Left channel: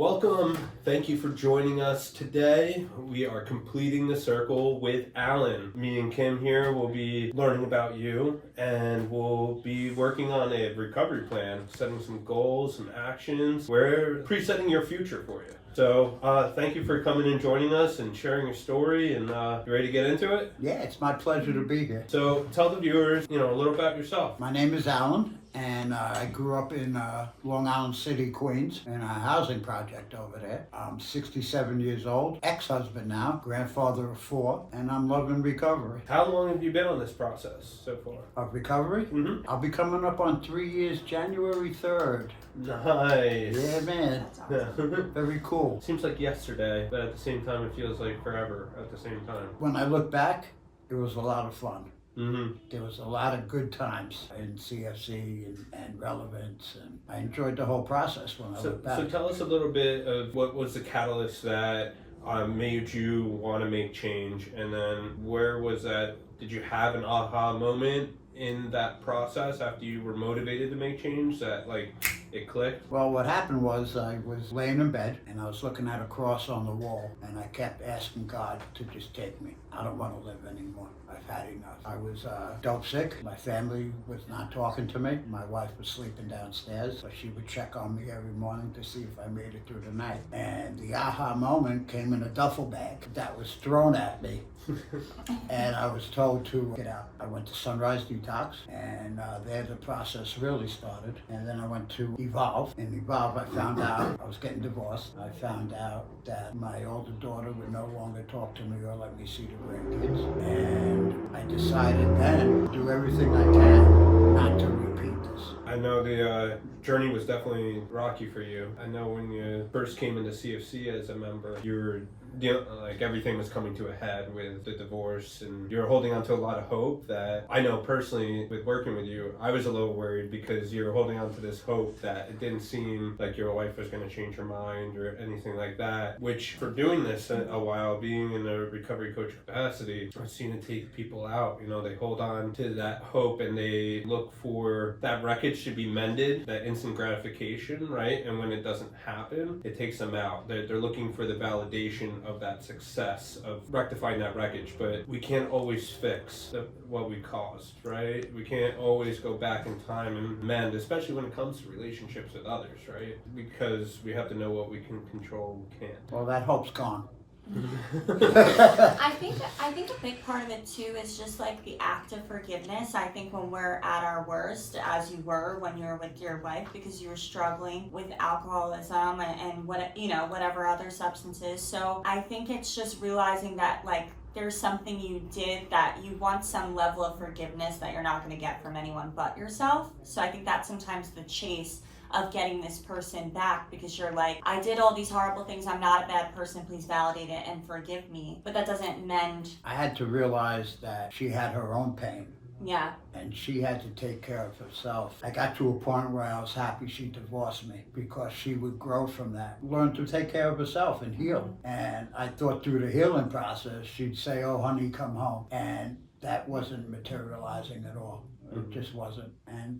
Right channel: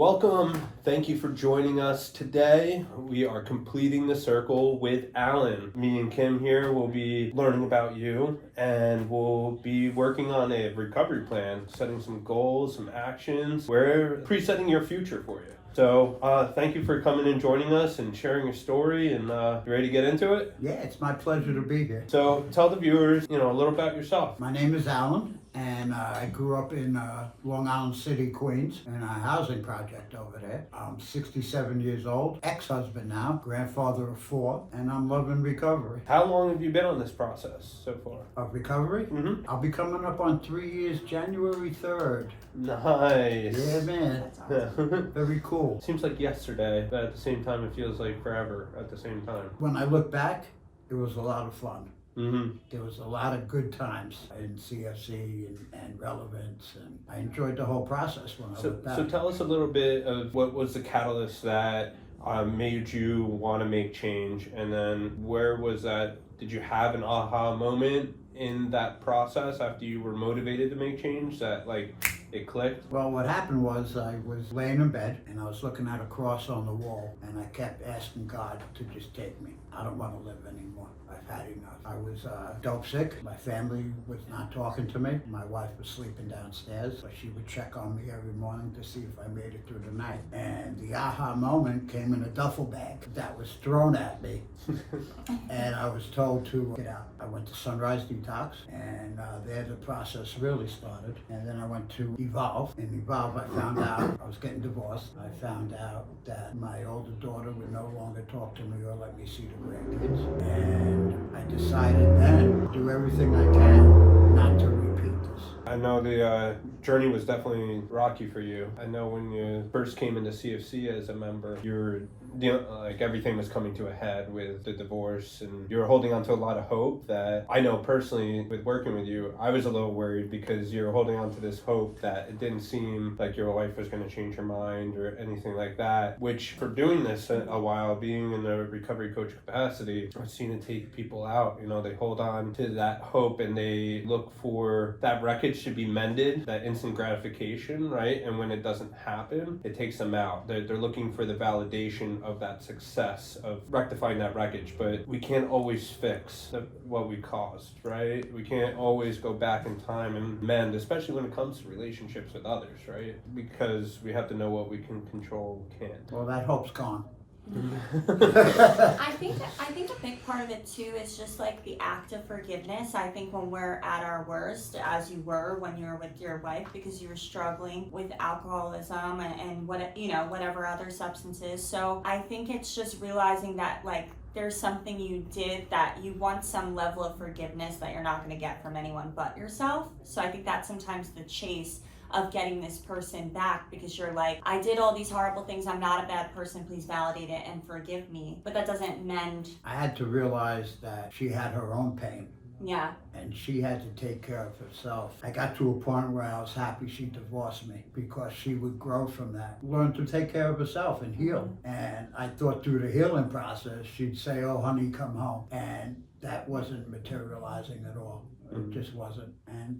Welcome. Thank you for joining us today. We are completing the circle with Allan. Me and Kim here will be learning about you, and we'll be working on a recovery plan, setting some goals, some actions. We're presetting your future for you. So thank you for coming and joining us and sharing your story. And you ready to get into it? Yeah, it's my pleasure to be here. So tell the viewers, a little about yourself. My name is Allan, and I grew up in Long Island City, Queens, in a housing project over there. I'm 67 years old, ex-husband now, grandfather of 4, and I'm loving recovery. How long have you been on this process so far? Of recovery? Mm-hmm. I'll be coming up on 3 years, January 3rd. Nice. Yeah, man. That's awesome. Very cool. Seems like yesterday, but at the same time, it feels like forever at the same time. When I look back, it was a lot of fun. Mm-hmm. There was a lot of good times in CFC and relevance, and I enjoyed the whole process when I look back. So tell us a little bit of what was the catalyst that made you want to make change, and then where was that? Did you have an aha moment in that process after you were motivated to make change that it clicked? Well, what happened was I was laying in bed and I was looking at a cross on the wall, and I kept asking God to just take me. I don't want to live anymore. I've had enough. I was dope sick. My family was not talking to me. My wife was sleeping downstairs, so she would check on me every morning to see if I made it through the night. And the aha moment came in a duffel bag that was thrown at me. And I was told to get out. I went to Sunrise Detox, and there the process really started. And then I went to Evolve. In Evolve, I found out I was getting divorced. I found out that my older daughter would no longer talk to me or let me see the grandkids. And I decided then to do everything I can not to repeat this. I know the journey was definitely rocky for you. I know when you first came into CFC as a member, you were everything was coming to a head with the divorce, and you were holding on to a lot of hope that I know personally with working with you, I was a little worried because you're holding on to this hope that it didn't seem like your wife was going to change her mind or anything like that, which for doing this a while, being in the recovery coach capacity, I've seen it take people out. They hold on to that hope and they look for that wreckage to be mended, that instant gratification, right? And when it doesn't happen, it takes them out. They're looking for the validation of that success of rectifying that wreckage, but we can't always fix what we caused, right? We can't always go back in time and mend, especially when it comes to relationships with others, right? Because we have to know what we can control, can't. Well, that hope's gone. I think a big part of it too is just the act of forgiveness. I think when we're at our worst, as you were when you were with your wife, because you were struggling with alcoholism and whatever other substances. So I think it's just realizing that there's something you did that you want some level of forgiveness that you're not going to get from anyone but yourself. So I think that's sometimes the chase of getting this person back, because you're I did all these horrible things, I'm not a bad person, please validate it and forgive me. But that doesn't mend. I had to realize that she had her own pain. Yeah. And she had to take care of herself. I got to a point where I was happy she divorced me, because she would grow from that, learn to take care of herself and heal. And I thought through the healing process, she'd say, "Oh, honey, come home." And that wasn't materializing at all. It just wasn't.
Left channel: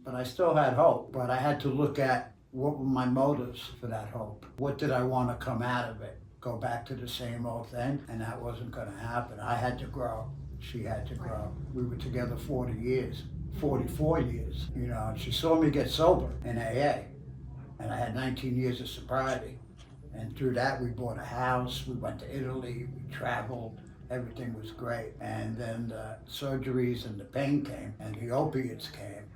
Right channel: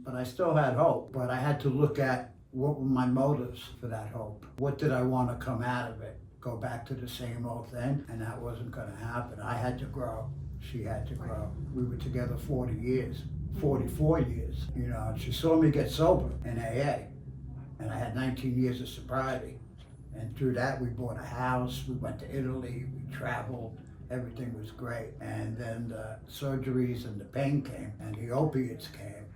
But I still had hope. But I had to look at what were my motives for that hope. What did I want to come out of it? Go back to the same old thing? And that wasn't going to happen. I had to grow. She had to grow. We were together 40 years, 44 years. She saw me get sober in AA. And I had 19 years of sobriety. And through that, we bought a house. We went to Italy. We traveled. Everything was great. And then the surgeries and the pain came, and the opiates came,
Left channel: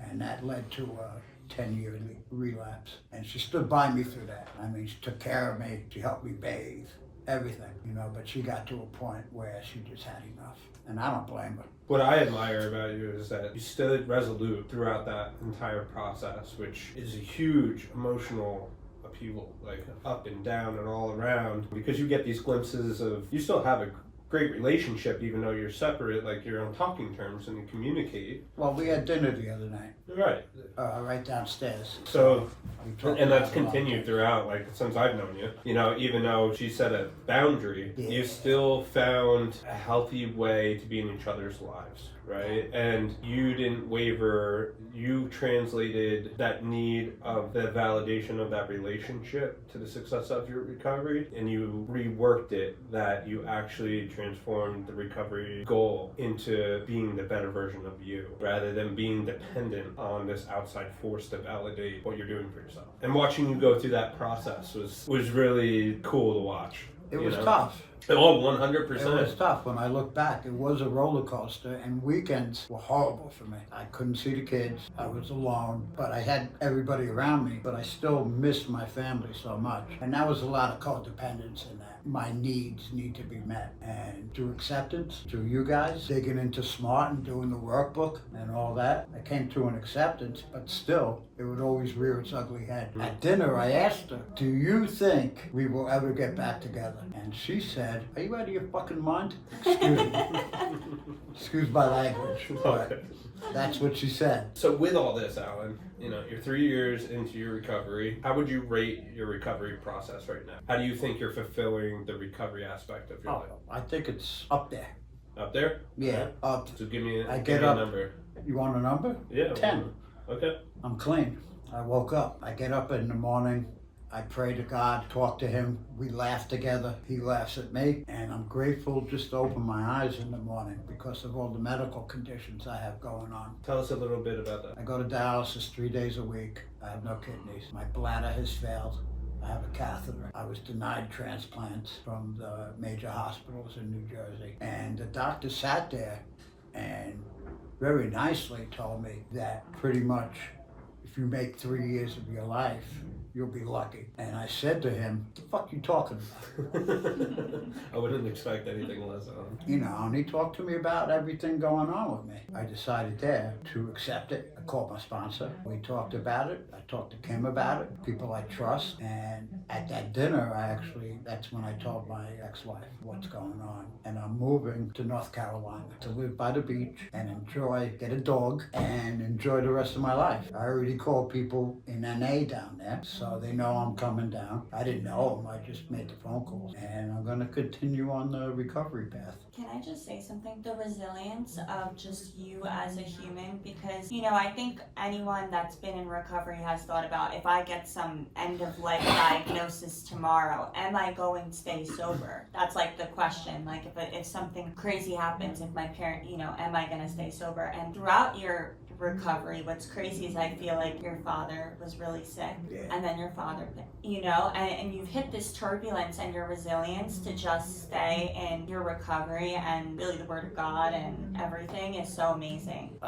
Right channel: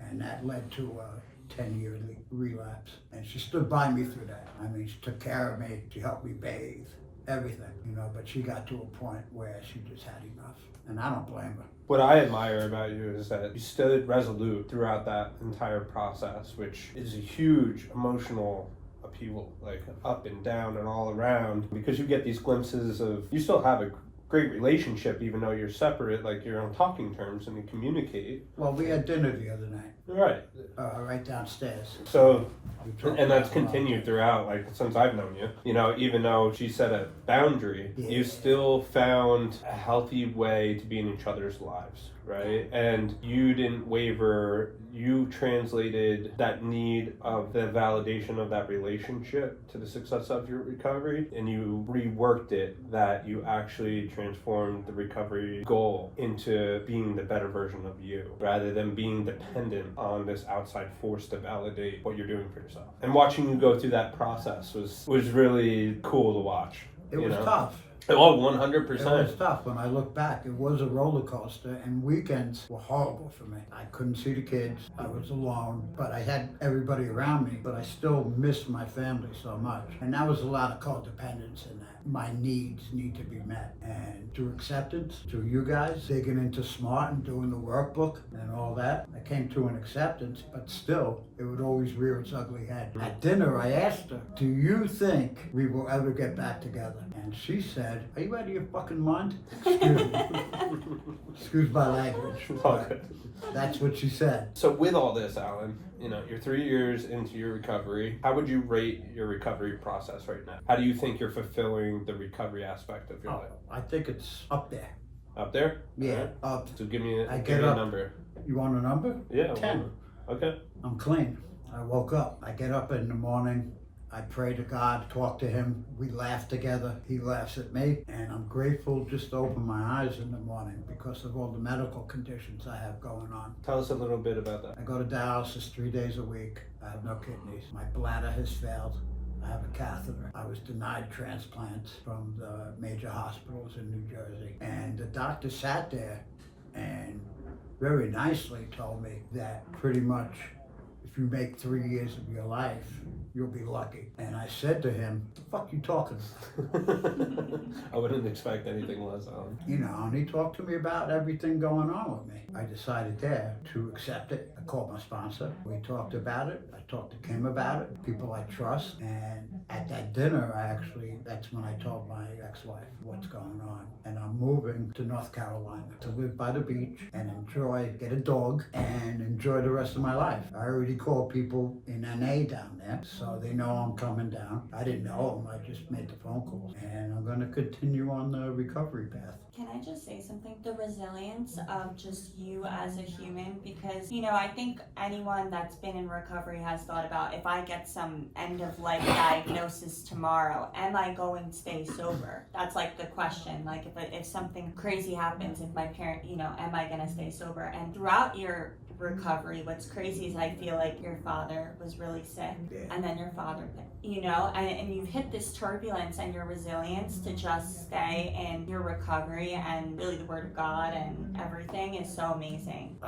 and that led to a 10-year relapse. And she stood by me through that. I mean, she took care of me. She helped me bathe, everything, but she got to a point where she just had enough, and I don't blame her. What I admire about you is that you stood resolute throughout that entire process, which is a huge emotional upheaval, up and down and all around, because you get these glimpses of, you still have a great relationship even though you're separate, you're on talking terms and you communicate. Well, we had dinner the other night. Right. Right downstairs. So, and that's continued throughout, since I've known you. Even though she set a boundary, you still found a healthy way to be in each other's lives, right? And you didn't waver. You translated that need of the validation of that relationship to the success of your recovery, and you reworked it that you actually transformed the recovery goal into being the better version of you, rather than being dependent on this outside force to validate what you're doing for yourself. And watching you go through that process was really cool to watch. It was tough. Oh, It 100%. was tough. When I look back, it was a roller coaster, and weekends were horrible for me. I couldn't see the kids. I was alone, but I had everybody around me, but I still missed my family so much. And that was a lot of codependence in that. My needs need to be met. And through acceptance, through you guys, digging into SMART and doing the workbook and all that, I came to an acceptance, but still, it would always rear its ugly head. At dinner, I asked her, do you think we will ever get back together? And she said, are you out of your fucking mind? Excuse me. Excuse my language. Okay. That's what she said. So with all this, Allan, you're 3 years into your recovery. How would you rate your recovery process right now? How do you think you're fulfilling the recovery aspect of your life? I think it's up there. Up there? Yeah, Okay. up. So give me I give get me a up. number. You want a number? Yeah. 10. Okay. I'm clean. I woke up. I get up in the morning. I pray to God, talk to him. We laugh together. He laughs at me. And I'm grateful just to open my eyes in the morning because of all the medical conditions I have going on. Tell us a little bit about that. I go to dialysis 3 days a week. I have no kidneys. My bladder has failed. I have a catheter. I was denied transplants from the major hospitals in New Jersey. And the doctor sat there and very nicely told me that pretty much if you make 3 years of your life, you'll be lucky. And I said to him, the fuck you talking about? I wouldn't expect anything less, Allan. And he talked to me about everything going on with me. I decided there to accept it. I called my sponsor. We talked about it. I talked to Kim about it, people I trust. And at that dinner, that's when I told my ex-wife what's going on. And I'm moving to North Carolina to live by the beach and get a dog, and enjoy the rest of my life. I already called people in NA down there, so they know I'm coming down. I didn't know them, I just made the phone calls. And I'm gonna continue on the recovery path. Can I just say something? The resilience of just you as a human, because, I think anyone that's been in recovery has thought about, if I get some end of life diagnosis tomorrow, am I going to stay sober? That's like the question. Like if something crazy happens, if my parent, am I going to stay sober? And throughout your recovery, what's crazy is I feel like your father was really sick, and then your father, and you've hit this turbulence, and your resilience to just stay in your recovery and really the word of God and everything is so amazing.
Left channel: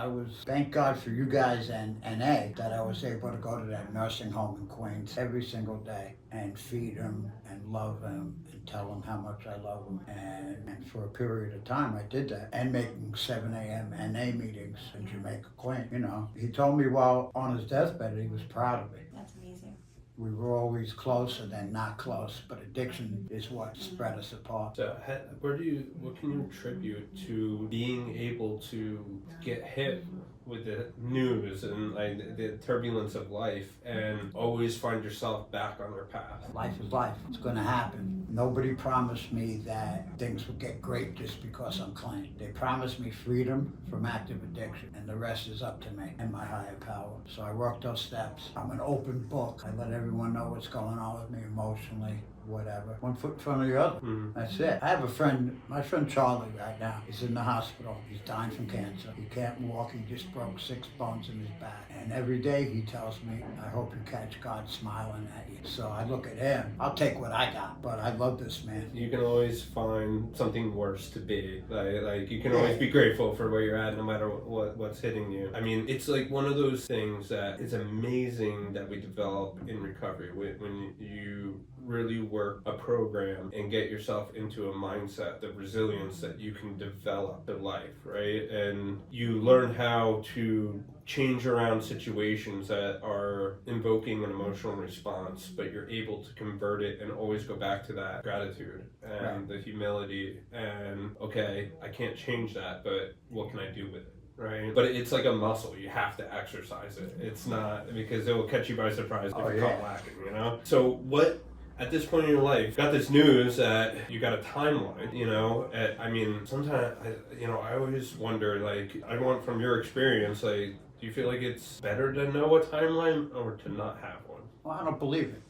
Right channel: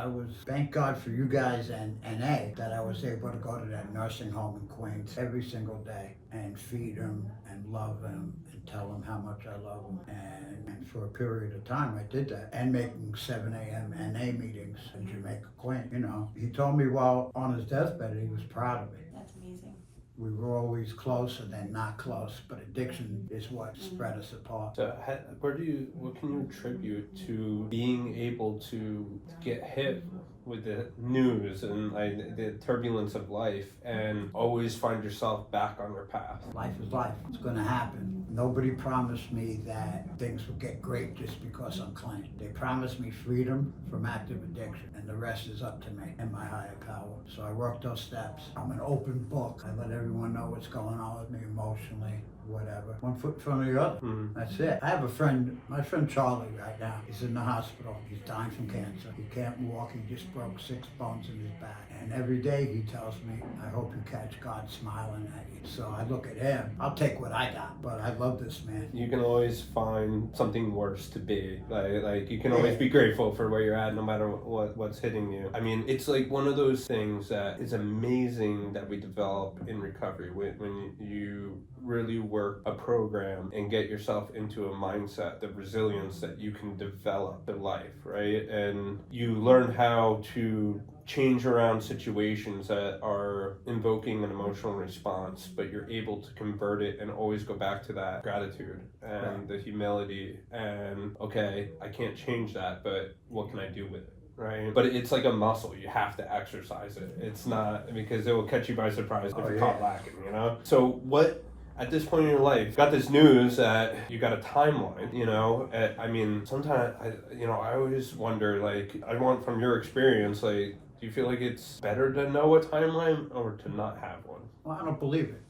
Thank God for you guys and NA that I was able to go to that nursing home in Queens every single day and feed them and love them and tell them how much I love them. And for a period of time I did that, and making 7 a.m. NA meetings in Jamaica, Queens. He told me while on his deathbed he was proud of me. That's amazing. We were always close and then not close, but addiction is what spread us apart. So what can you attribute to being able to get hit with the news and the turbulence of life and always find yourself back on your path? Life is life. It's going to happen. Nobody promised me that things would get great just because I'm clean. They promised me freedom from active addiction, and the rest is up to me and my higher power. So I work those steps. I'm an open book. I let everyone know what's going on with me emotionally, whatever. One foot in front of the other. That's it. I have a friend, my friend Charlie right now. He's in the hospital. He's dying from cancer. He can't walk. He just broke 6 bones in his back. And every day he tells me, I hope you catch God smiling at you. So I look at him. I'll take what I got, but I love this man. You can always find something worse to be. Like you can always be grateful for where you're at no matter what's hitting you. I mean, it's like one of those things that is amazing that we develop in recovery when you really work a program and get yourself into a mindset, the resilience that you can develop in life, right? And you learn how to change around situations that are invoking an emotional response, but you're able to convert it and always go back to that gratitude and the humility and, okay, I can't change that, but what can I do with it? Right, but it's like a muscle. You have to exercise it. It's not because it will catch you by surprise if you're caught lacking. So what at this point in your life, got this news that you got a timeline, you know? I mean, sometimes, I always wonder, like, I want from your experience, like, do you feel like it's better to know a timeline or to not have one? Well, I don't believe it.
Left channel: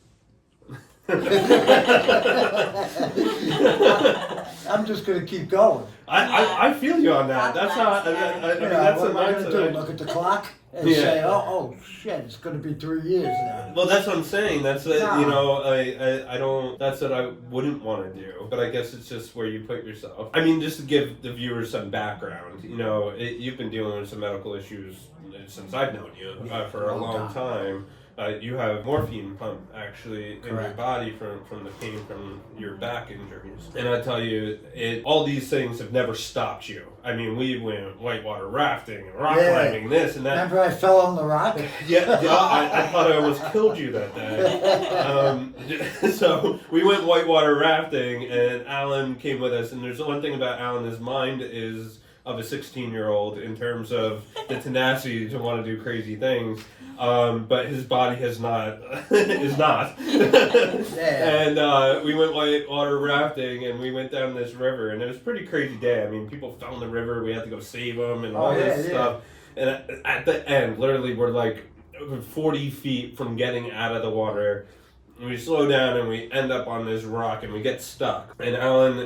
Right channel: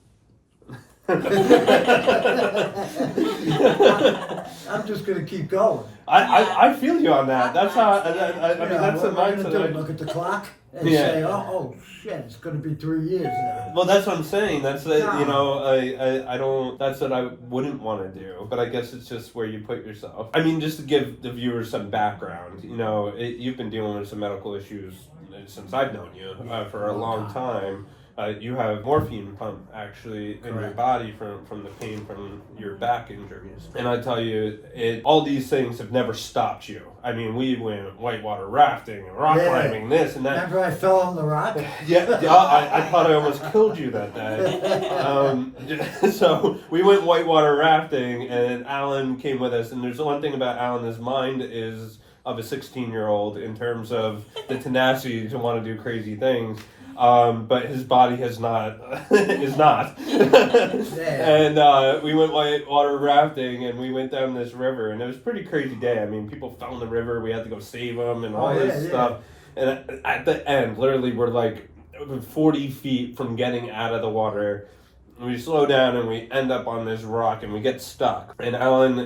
I'm just going to keep going. I feel you on that. That's how, I mean, that's the what am I gonna do? mindset. Look at the clock and say, oh shit, it's going to be 3 years now. Well, that's what I'm saying. That's I don't. That's what I wouldn't want to do. But I guess it's just where you put yourself. I mean, just to give the viewers some background. You've been dealing with some medical issues since I've known you for a long time. You have morphine pump actually in your body from the pain from your back injuries. And I tell you, all these things have never stopped you. I mean, we went whitewater rafting and rock climbing, this and that. Remember I fell on the rock? Yeah, I thought I almost killed you that day. So we went whitewater rafting and Allan came with us. And there's one thing about Allan, his mind is of a 16-year-old in terms of the tenacity to want to do crazy things. But his body is not. And we went whitewater rafting and we went down this river and it was a pretty crazy day. I mean, people fell in the river. We had to go save them and all this stuff. And at the end, literally, we're like 40 feet from getting out of the water. We slow down and we end up on this rock and we get stuck. And Allan,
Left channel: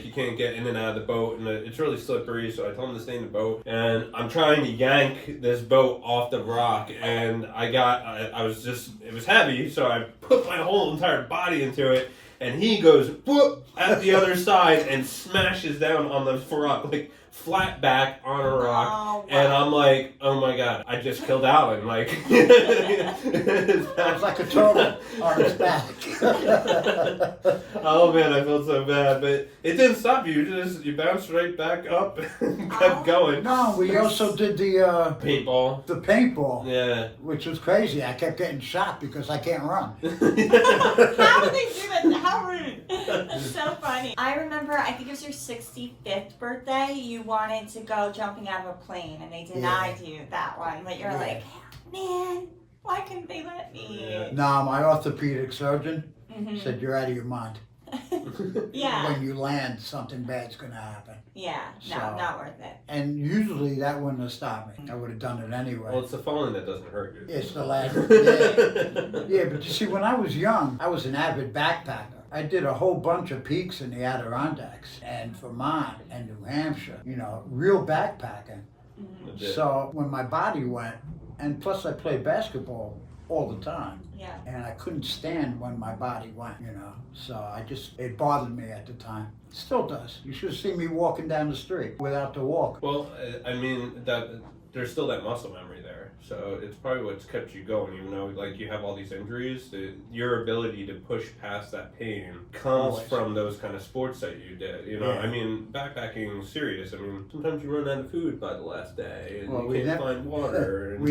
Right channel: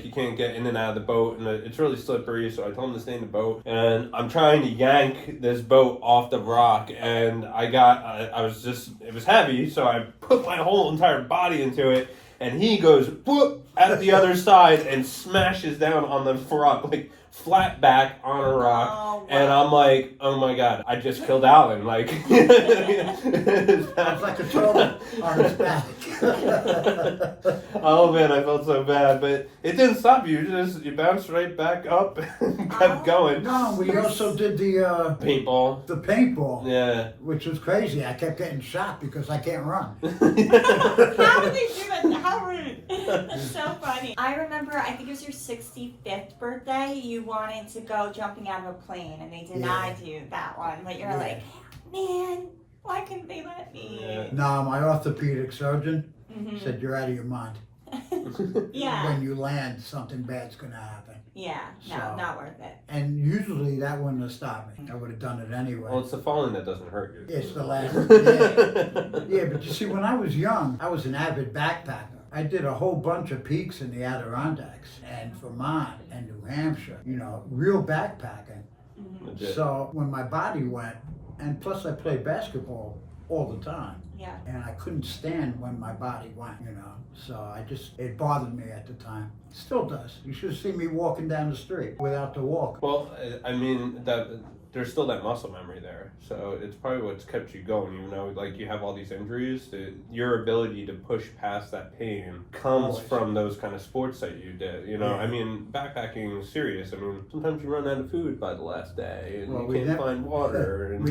he can't get in and out of the boat and it's really slippery. So I told him to stay in the boat. And I'm trying to yank this boat off the rock. And it was heavy. So I put my whole entire body into it. And he goes whoop at the other side and smashes down on the rock, like flat back on a rock. Oh, wow. And I'm like, oh my God, I just killed Allan. Like, It was like a turtle on his back. Oh man, I felt so bad, but it didn't stop you. You bounced right back up and kept going. No, we also did the Paintball. the paintball, Yeah. which was crazy. I kept getting shot because I can't run. How would they do that? How rude. So funny. I remember, I think it was your 65th birthday, you wanted to go jumping out of a plane and they denied you that one. But you're like, man, why couldn't they let me? Yeah. No, my orthopedic surgeon Mm-hmm. said you're out of your mind. Yeah. When you land, something bad's going to happen. Yeah. No, So- not worth it. And usually that wouldn't have stopped me. I would have done it anyway. Well, it's the falling that doesn't hurt you. It's the last. Yeah. Yeah, but you see, when I was young, I was an avid backpacker. I did a whole bunch of peaks in the Adirondacks and Vermont and New Hampshire, real backpacking. Mm-hmm. Legit. So when my body went, and plus I played basketball all the time, Yeah. and I couldn't stand when my body went, So it bothered me at the time. It still does. You should have seen me walking down the street without the walk. Well, I mean, there's still that muscle memory there. So it's probably what's kept you going, even though like you have all these injuries. Your ability to push past that pain comes Always. from those kind of sports that you did. Yeah. I mean, backpacking is serious. I mean, sometimes you run out of food by the last day, and Well, you we can't never- find water. And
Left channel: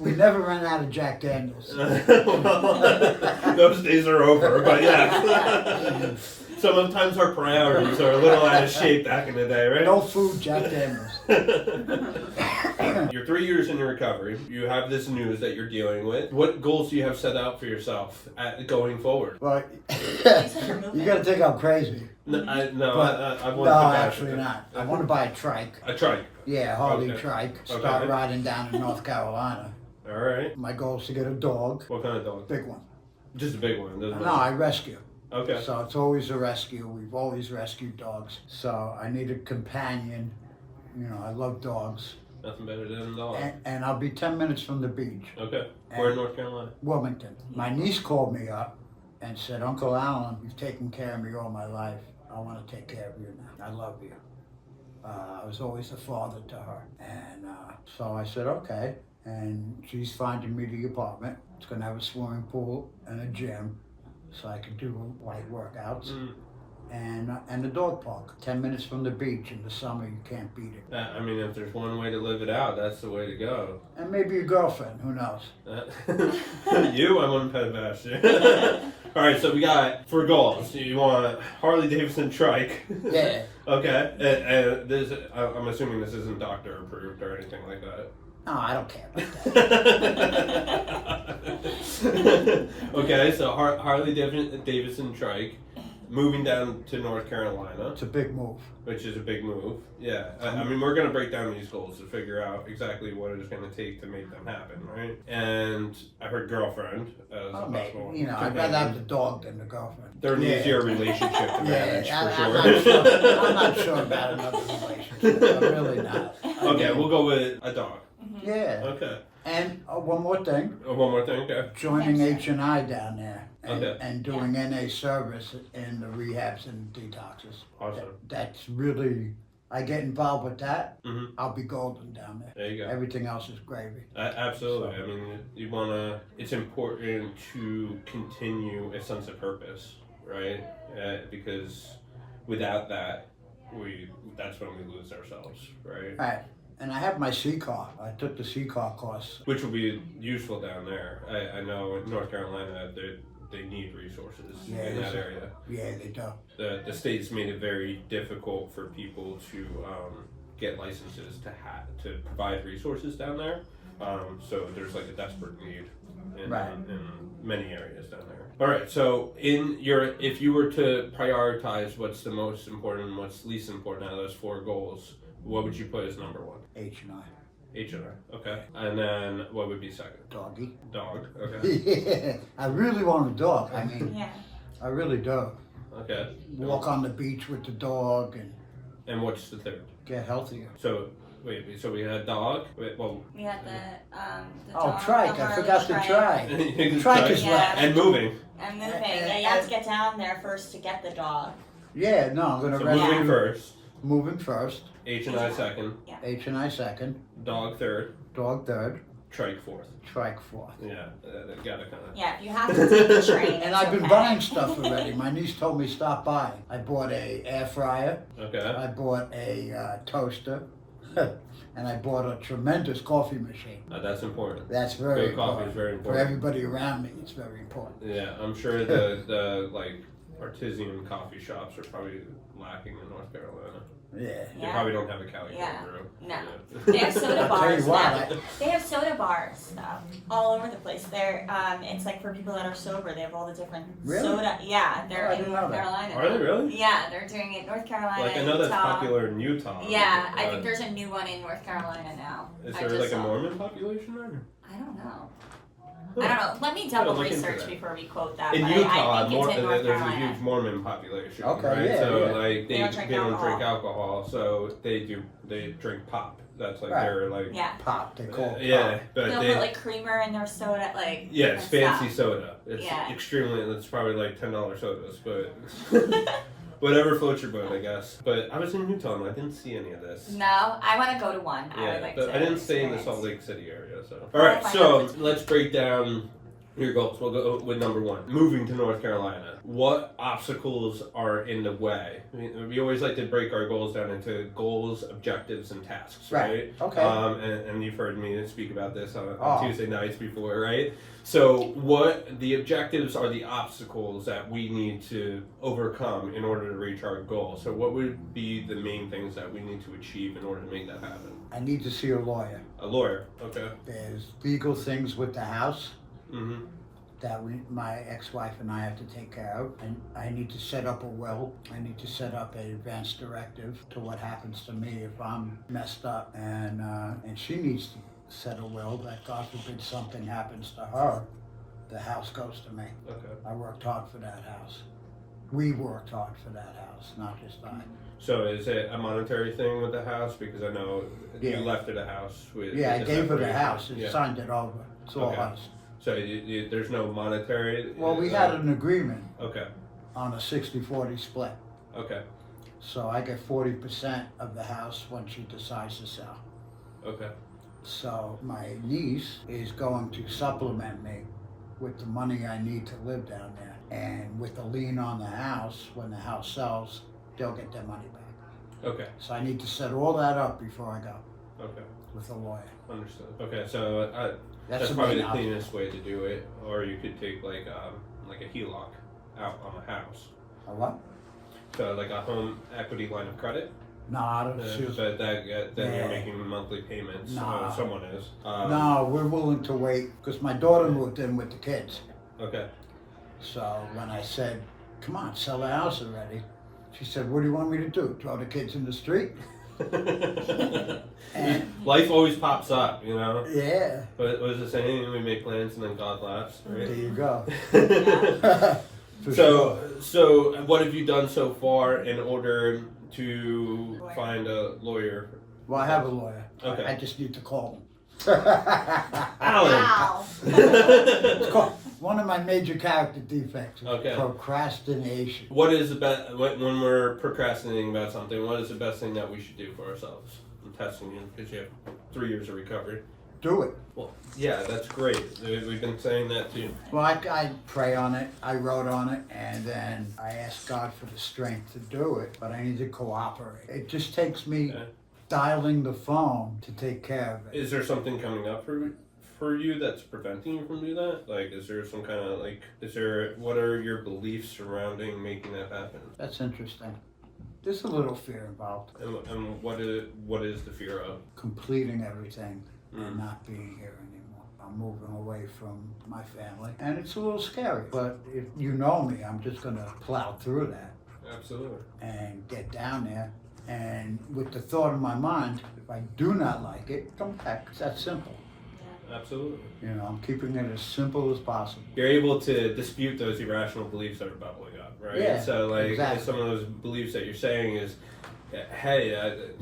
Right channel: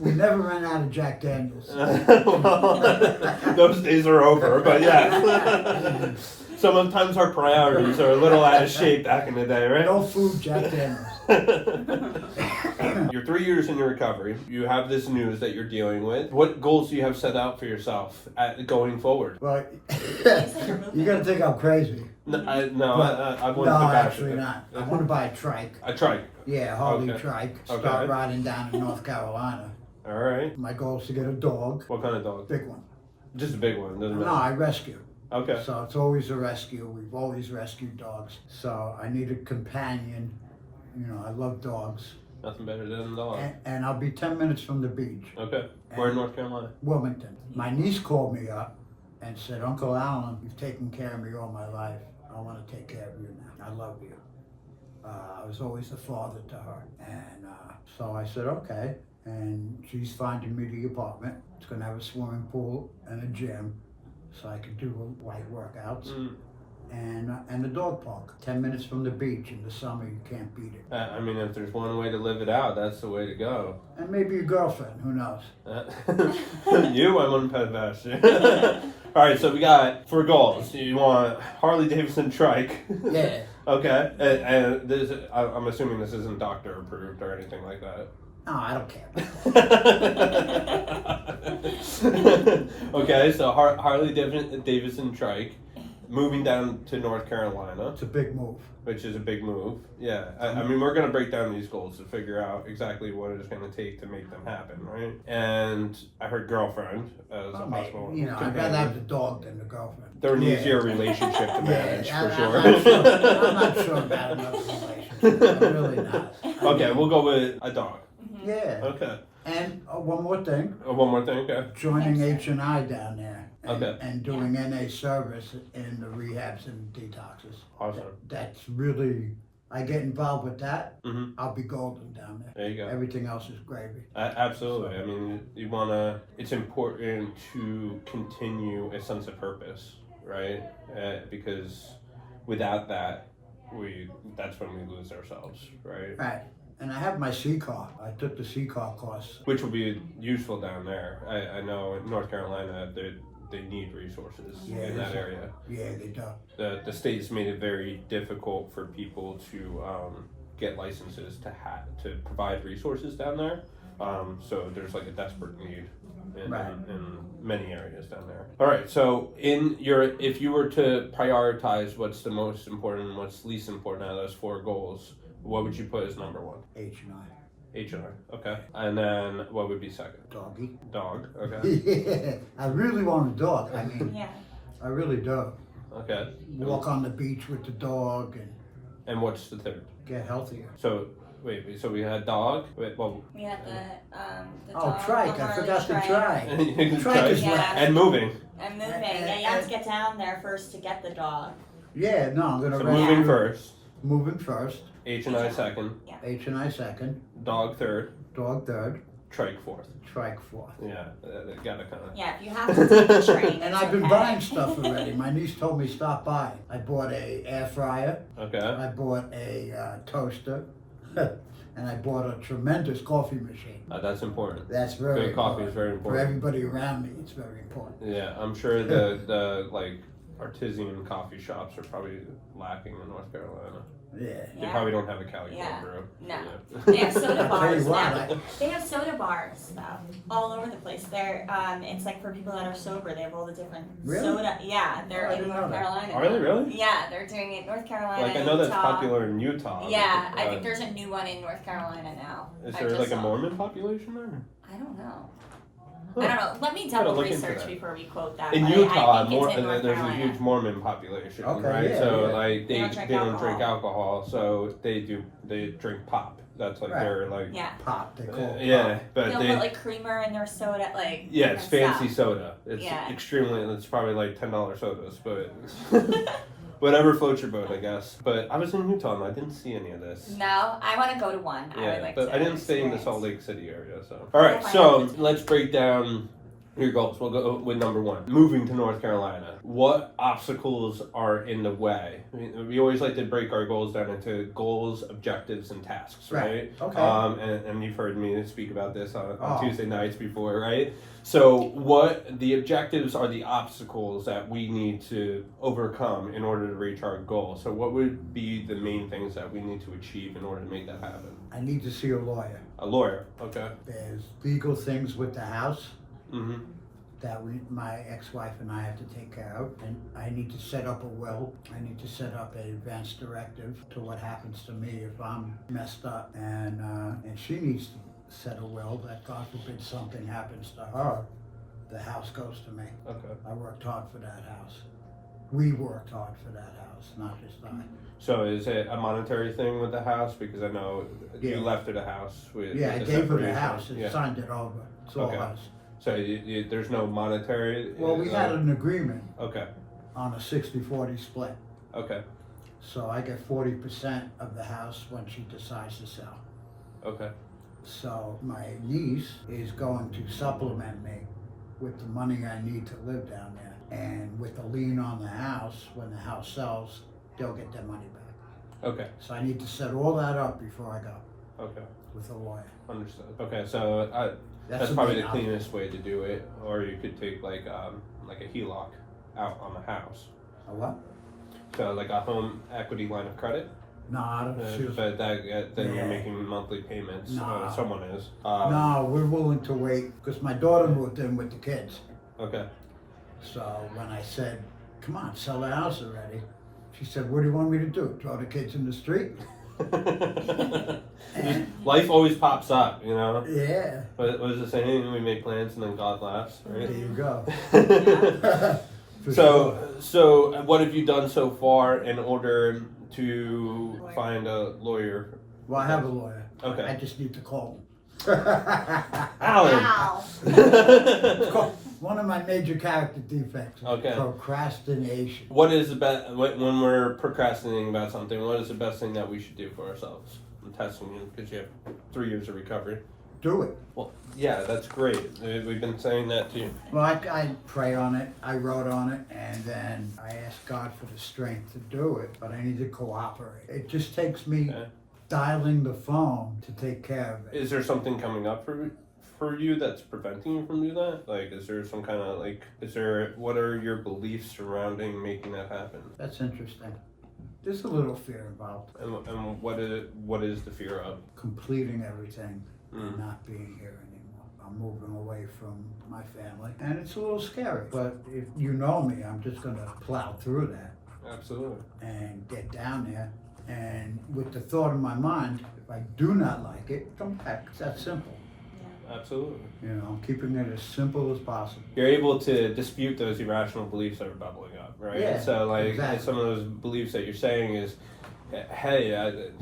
We never ran out of Jack Daniels. Well, those days are over, but yeah. Sometimes our priorities are a little out of shape back in the day, right? No food, Jack Daniels. You're 3 years in your recovery. You have this news that you're dealing with. What goals do you have set out for yourself going forward? Well, you're moving. you gotta think I'm crazy. I want No, to bash actually it. not. I want to buy a trike. A trike. Yeah, Harley Okay. trike. Start Okay. riding down in North Carolina. All right. My goal is to get a dog, What kind of dog? big one. Just a big one. Doesn't No, matter. I rescue. Okay. So it's always a rescue. We've always rescued dogs. So I need a companion. I love dogs. Nothing better than a dog. And I'll be 10 minutes from the beach. Okay. Where in North Carolina? Wilmington. My niece called me up and said, Uncle Allan, you've taken care of me all my life. I want to take care of you now. I love you. I was always a father to her. And so I said, okay. And she's finding me the apartment. It's going to have a swimming pool and a gym so I can do light workouts. And the dog park. 10 minutes from the beach. In the summer, you can't beat it. I mean, if there's one way to live it out, that's the way to go. And maybe a girlfriend. Who knows? You, I wouldn't pet bash you. All right, so we got for goals. You want Harley Davidson trike. Yeah. Okay, and this, I'm assuming this isn't doctor approved or anything like that. No, I don't care about that. Okay, so Harley Davidson trike, moving down to North Carolina, It's a big move. which is a big move. Yeah, I mean, we're going to break down these goals to figure out exactly what it's going to take to make them happen, right? And I heard girlfriend as a possible You know, I'd companion. rather have the dog than the girlfriend. They're an easier relationship to manage, I'm for not sure. sure. I'm not sure about another relationship. I'm really not. Okay, we'll go with a dog. Yeah. Okay. And one more thing, One more thing, okay. joining Hamster. H&I down there. And, Okay. and doing NA service in the rehabs and detoxes. Awesome. That's really, I get involved with that, Mhm. I'll be golden down there. There you go. Everything else is gravy. Absolutely. I mean, you want to, it's important to continue a sense of purpose, right? Because without that, that's when we lose ourselves, right? Right. And I have my C-car. I took the C-car course. Which will be useful down there. I know in North Carolina, they need resources Yeah, in that area. Yeah, they do. The state's made it very difficult for people to get licenses to provide resources down there. So there's like a desperate need in many areas down there. All right, so if you were to prioritize what's the most important and what's least important out of those 4 goals, what would you put as number 1? H&I. H&I, okay. And then what would be second? Doggy. Dog, okay. Yeah, I really want a dog. I mean, Yeah. I really do. Okay. Walk on the beach with the dog and And what's the third? get healthier. So so we had dog. Well, We had the Oh, dog, trike. the I Harley forgot to trike. try. Trike is Yeah. last. And moving. And moving. Yeah, you have to get down there first to get the dog. Yeah, no, I'm going So to moving first. Moving first. H&I second. H&I second. Dog third. Dog third. Trike fourth. Trike fourth. Yeah, gotta kind of. Yeah, if you have to take the train, And it's I've been okay. buying stuff already. My niece told me stop by. I bought a air fryer. Okay. I bought a toaster. And I bought a tremendous coffee machine. That's important. That's very Good coffee important. is very For important. everybody around me, it's very important. Yeah, I'm sure the like artisan coffee shops are probably lacking in North Carolina. Yeah. They probably don't have a Cali Yeah. cold brew. No. Yeah. They have soda I'll tell bars you what, now. They have soda bars all over the place. They're it's like for people that are sober. They have all the different Really? soda. Yeah, they're I in didn't know North that. Carolina. Are they now. really? Yeah, they're doing it North Carolina. Like I know that's Utah. popular in Utah. Yeah, but, I think there's a new one in North Carolina now. Is I there just like a saw. Mormon population there? I don't know. Huh. I don't know. Let me Gotta double look into research that. before we quote that. In but Utah, I think it's in North there's a Carolina. huge Mormon population, Okay, right? yeah, So yeah. like They don't drink alcohol, so they drink pop. That's like Right. their like Yeah. Pop, they call it yeah, pop. but They'll they put like creamer in their soda, like yeah, it's different fancy stuff. soda. It's Yeah. it's probably like $10 sodas, but whatever floats your boat, I guess. But I was in Utah and I didn't see any of this. No, I want to go to one. I Yeah, would like but to I didn't stay in the experience. Salt Lake City area, so. All right, find so out which- let's break down your goals. We'll go with number 1, moving to North Carolina. What obstacles are in the way? We always like to break our goals down into goals, objectives, and tasks, right? Okay. And you've heard me speak about this on Oh. Tuesday nights before, right? So what the objectives are the obstacles that we need to overcome in order to reach our goal. So what would be the main things that we need to achieve in order to make that happen? I need to see a lawyer. A lawyer, okay. There's legal things with the house Mm-hmm. that my ex-wife and I have to take care of. And I need to set up a will. I need to set up an advance directive to what happens to me if I'm messed up. And she needs to set a will that God forbid something happens to her, the house goes to me. Okay. I worked hard for that house. We worked hard for that house, not just I. So is it a monetary thing with the house? Because I know Yeah. you left her the house with. Yeah, I with the gave her the separation. house and Yeah. signed it over. It's all Okay. us. So there's no monetary. Well, we had an agreement Okay. on a 60-40 split. Okay. So I get 40% of the house when she decides to sell. Okay. So my niece is going to supplement me with the money I need to live down there. And with the lien on the house, when the house sells, they'll get their money back. Okay. So I need to set all that up before I go Okay. with a lawyer. Understood. Okay. So that's the probably main the cleanest way to do it, or you could take like a HELOC out on the house. A what? So like a home equity line of credit. Nah, but then you're making monthly payments. Nah. Someone is. No, we're willing to wait because my daughter moved in with the kids. Okay. So when I said, come on, sell the house already, she said, what do you want me to do? Throw the kids in the street? And, life always pops up, you know? yeah. But what is the saying? We make plans and then God laughs, right? There you go. For So, sure. so what have you done so far in order to find a lawyer? Well, I have a lawyer. Okay. I just need to call him. Allan. Wow. It's called one of my major character defects. Okay. Procrastination. What is the best when we're procrastinating about something? What is the best thing that we should do for ourselves? I'm testing you because you have 3 years of recovery. Do it. Well, yeah, that's great. We've been saying that to you. Well, I pray on it. I wrote on it, and then I asked God for the strength to do it. But I need to cooperate. It just takes me dialing the phone to take care of it. Is there something coming up for you that's preventing you from doing that? Like, is there some kind of what are your beliefs surrounding making that happen? That's interesting. There's a little fear involved. And what is the fear of? Completing everything and not being here anymore. I'm moving away from my family, and it's a little scary. But if you know me, I'm just gonna plow through that Absolutely. and get down there. And with the thought in my mind, if I do not like it, come back. It's that simple. Absolutely. You know, I'm keeping it as simple as possible. You're able to dispute those irrational beliefs that are bubbling up, right? Yeah, So, like, exactly. some of those beliefs that you're saying is, hey,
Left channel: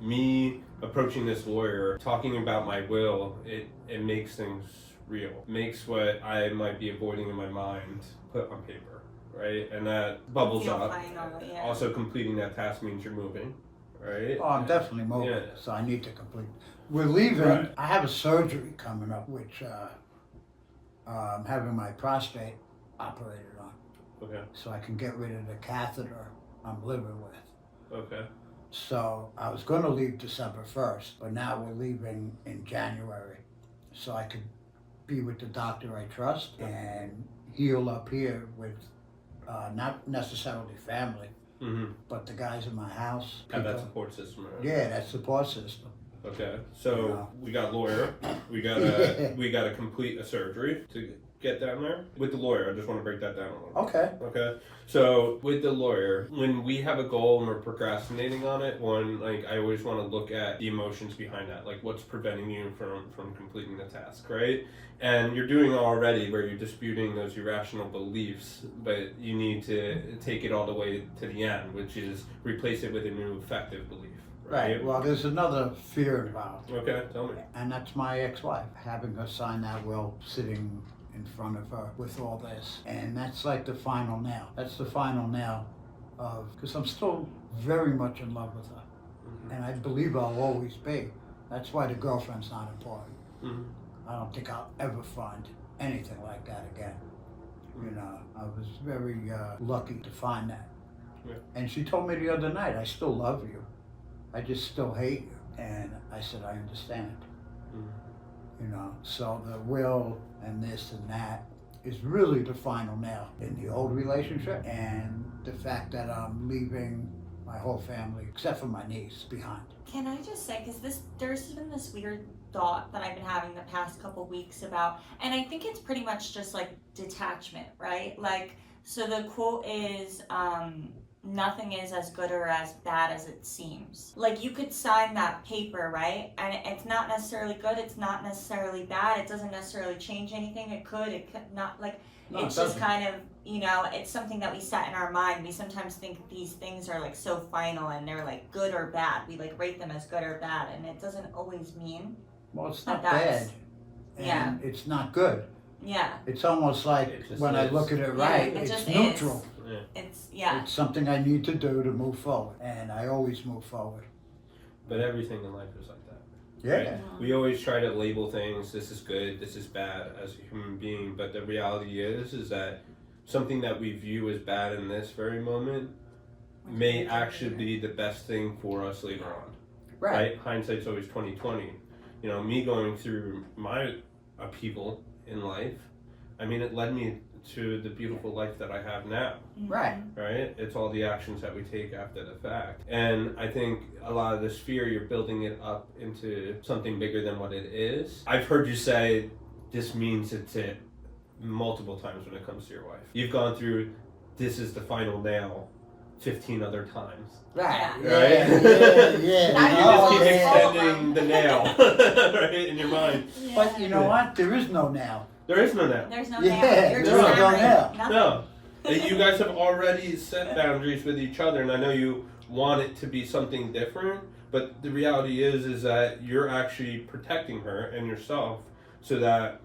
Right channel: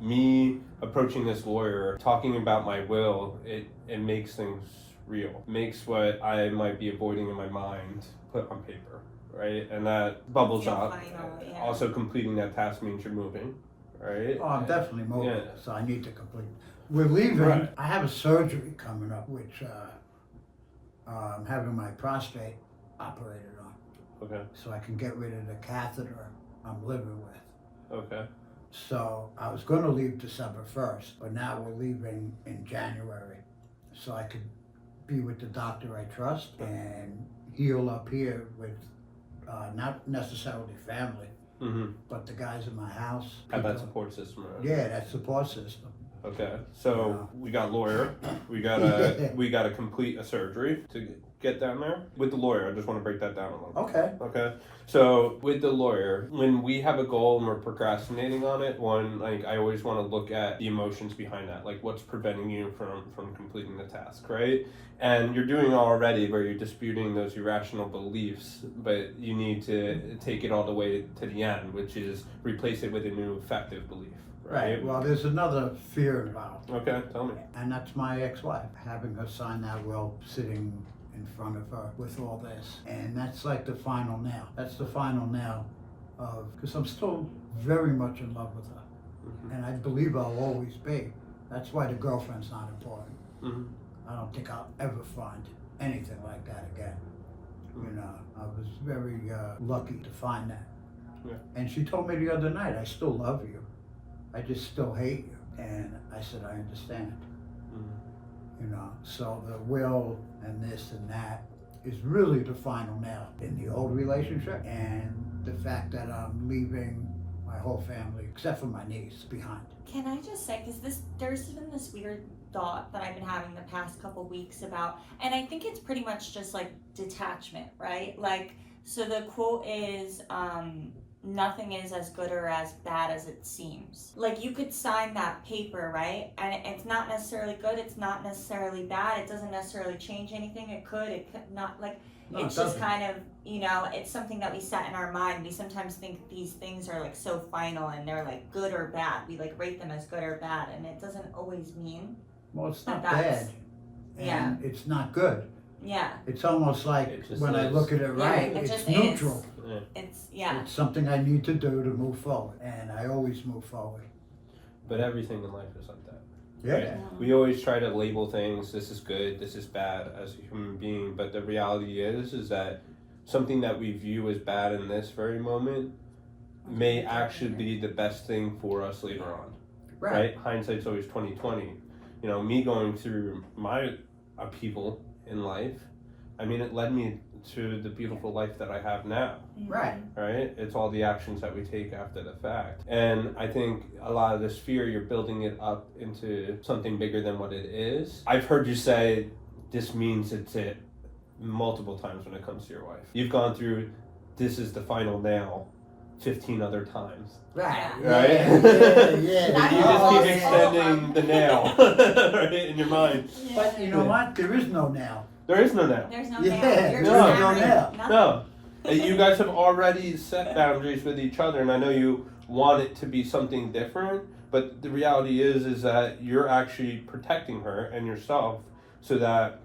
me approaching this lawyer, talking about my will, it makes things real. Makes what I might be avoiding in my mind put on paper, right? And that bubbles Feel up. final, yeah. Also, completing that task means you're moving, right? Oh, I'm definitely moving, Yeah. so I need to complete. We're leaving. Right. I have a surgery coming up, which I'm having my prostate operated on, Okay. so I can get rid of the catheter I'm living with. Okay. So I was going to leave December 1st, but now we're leaving in January, so I could be with the doctor I trust and heal up here with not necessarily family, Mm-hmm. but the guys in my house. Have that people- support system, right? Yeah, that support system. Okay, so Yeah. we got lawyer, we gotta complete a surgery to get down there. With the lawyer, I just want to break that down a little. Okay. Okay, so with the lawyer, when we have a goal and we're procrastinating on it, I always want to look at the emotions behind that, like what's preventing you from completing the task, right? And you're doing already where you're disputing those irrational beliefs, but you need to take it all the way to the end, which is replace it with a new effective belief. Right. Well, there's another fear involved, Okay, tell me. and that's my ex-wife. Having her sign that will, sitting in front of her with all this, and that's like the final nail. That's the final nail of, because I'm still very much in love with her, and I believe I'll always be. That's why the girlfriend's not important. Mm-hmm. I don't think I'll ever find anything like that again. You know, I was very lucky to find that. Yeah. And she told me the other night, I still love you. I just still hate you. And I said, I understand. Mm-hmm. You know, so the will and this and that is really the final nail in the old relationship, and the fact that I'm leaving my whole family, except for my niece, behind. Can I just say, because there's been this weird thought that I've been having the past couple weeks about, and I think it's pretty much just like detachment, right? Like, so the quote is, nothing is as good or as bad as it seems. Like, you could sign that paper, right? And it's not necessarily good, it's not necessarily bad, it doesn't necessarily change anything, it could not, like, No, it's it just doesn't. kind of, you know, it's something that we set in our mind. We sometimes think these things are like so final and they're like good or bad. We like rate them as good or bad, and it doesn't always mean. Well, it's not That's- bad. And yeah. it's not good. Yeah, It's almost like, It just when I is. look at it right, it it's just neutral. it's, yeah. It's something I need to do to move forward, and I always move forward. But everything in life is like that. Yeah. Right? We always try to label things, this is good, this is bad, as a human being, but the reality is that something that we view as bad in this very moment may actually be the best thing for us later on. Right? Hindsight's always 20/20. You know, me going through my upheaval in life, I mean, it led me to the beautiful life that I have now. Right. Right? It's all the actions that we take after the fact. And I think a lot of this fear, you're building it up into something bigger than what it is. I've heard you say this means it's it multiple times when it comes to your wife. You've gone through this is the final nail 15 other times. Right. Right? Yeah. You just keep Oh, extending the nail right, in your mind. But you know what? There is no now. There is no nail. There's no Yeah, nail. You're no, just no hammering nail. nothing. No. You guys have already set boundaries with each other, and I know you want it to be something different, but the reality is that you're actually protecting her and yourself so that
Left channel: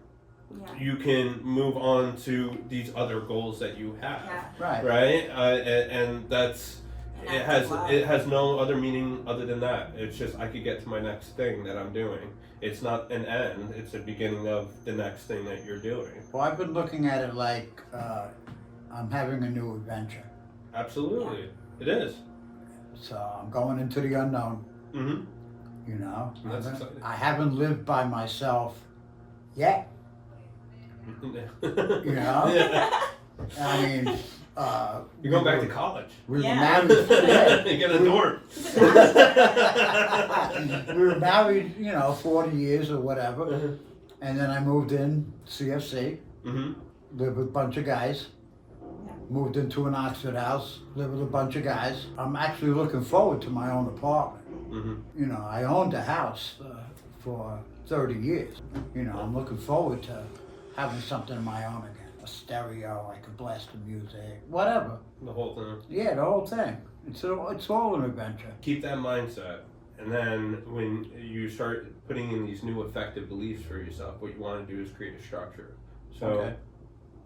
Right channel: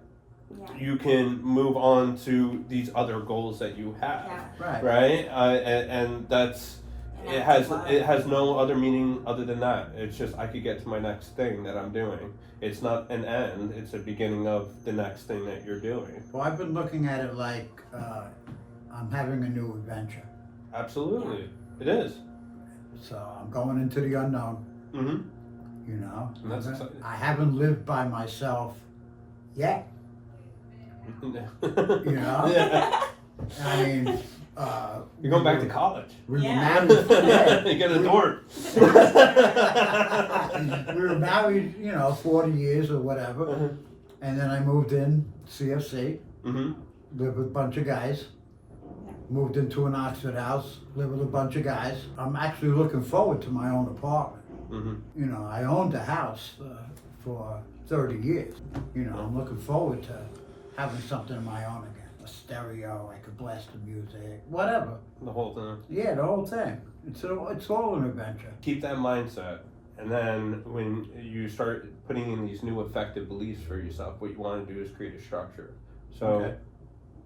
Yeah. you can move on to these other goals that you have. Yeah. Right. Right? And that's And it that's has love. it has no other meaning other than that. It's just I could get to my next thing that I'm doing. It's not an end, it's a beginning of the next thing that you're doing. Well, I've been looking at it like I'm having a new adventure. Absolutely. It is. So I'm going into the unknown, Mm-hmm. you know. And that's exciting. I haven't lived by myself yet. You know? Yeah. I mean, You're going back to college. we Yeah. were married. Yeah. You get a dorm. We were married, 40 years or whatever. Mm-hmm. And then I moved in CFC, Mm-hmm. lived with a bunch of guys. Moved into an Oxford house, lived with a bunch of guys. I'm actually looking forward to my own apartment. Mm-hmm. I owned a house for 30 years. I'm looking forward to having something of my own again. A stereo, I could blast the music, whatever. The whole thing. Yeah, the whole thing. It's all an adventure. Keep that mindset. And then when you start putting in these new effective beliefs for yourself, what you want to do is create a structure. So Okay.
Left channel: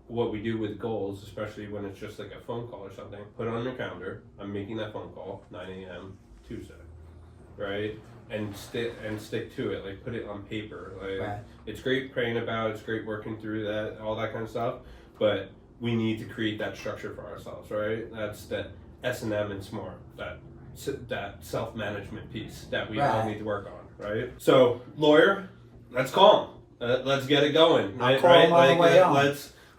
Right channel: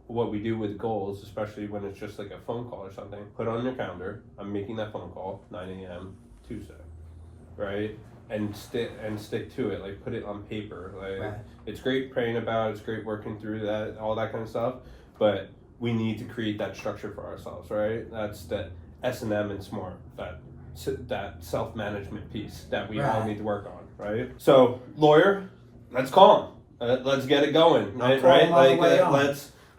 what we do with goals, especially when it's just like a phone call or something, put on your calendar, I'm making that phone call, 9 a.m. Tuesday, right? And stick to it, like put it on paper. Like Right. it's great praying about, it's great working through that, all that kind of stuff, but we need to create that structure for ourselves, right? That's that S&M and SMART, that self-management piece that we all Right. need to work on, right? So, lawyer, let's call him. Let's get it going, I'll right? call Right? him all the way on.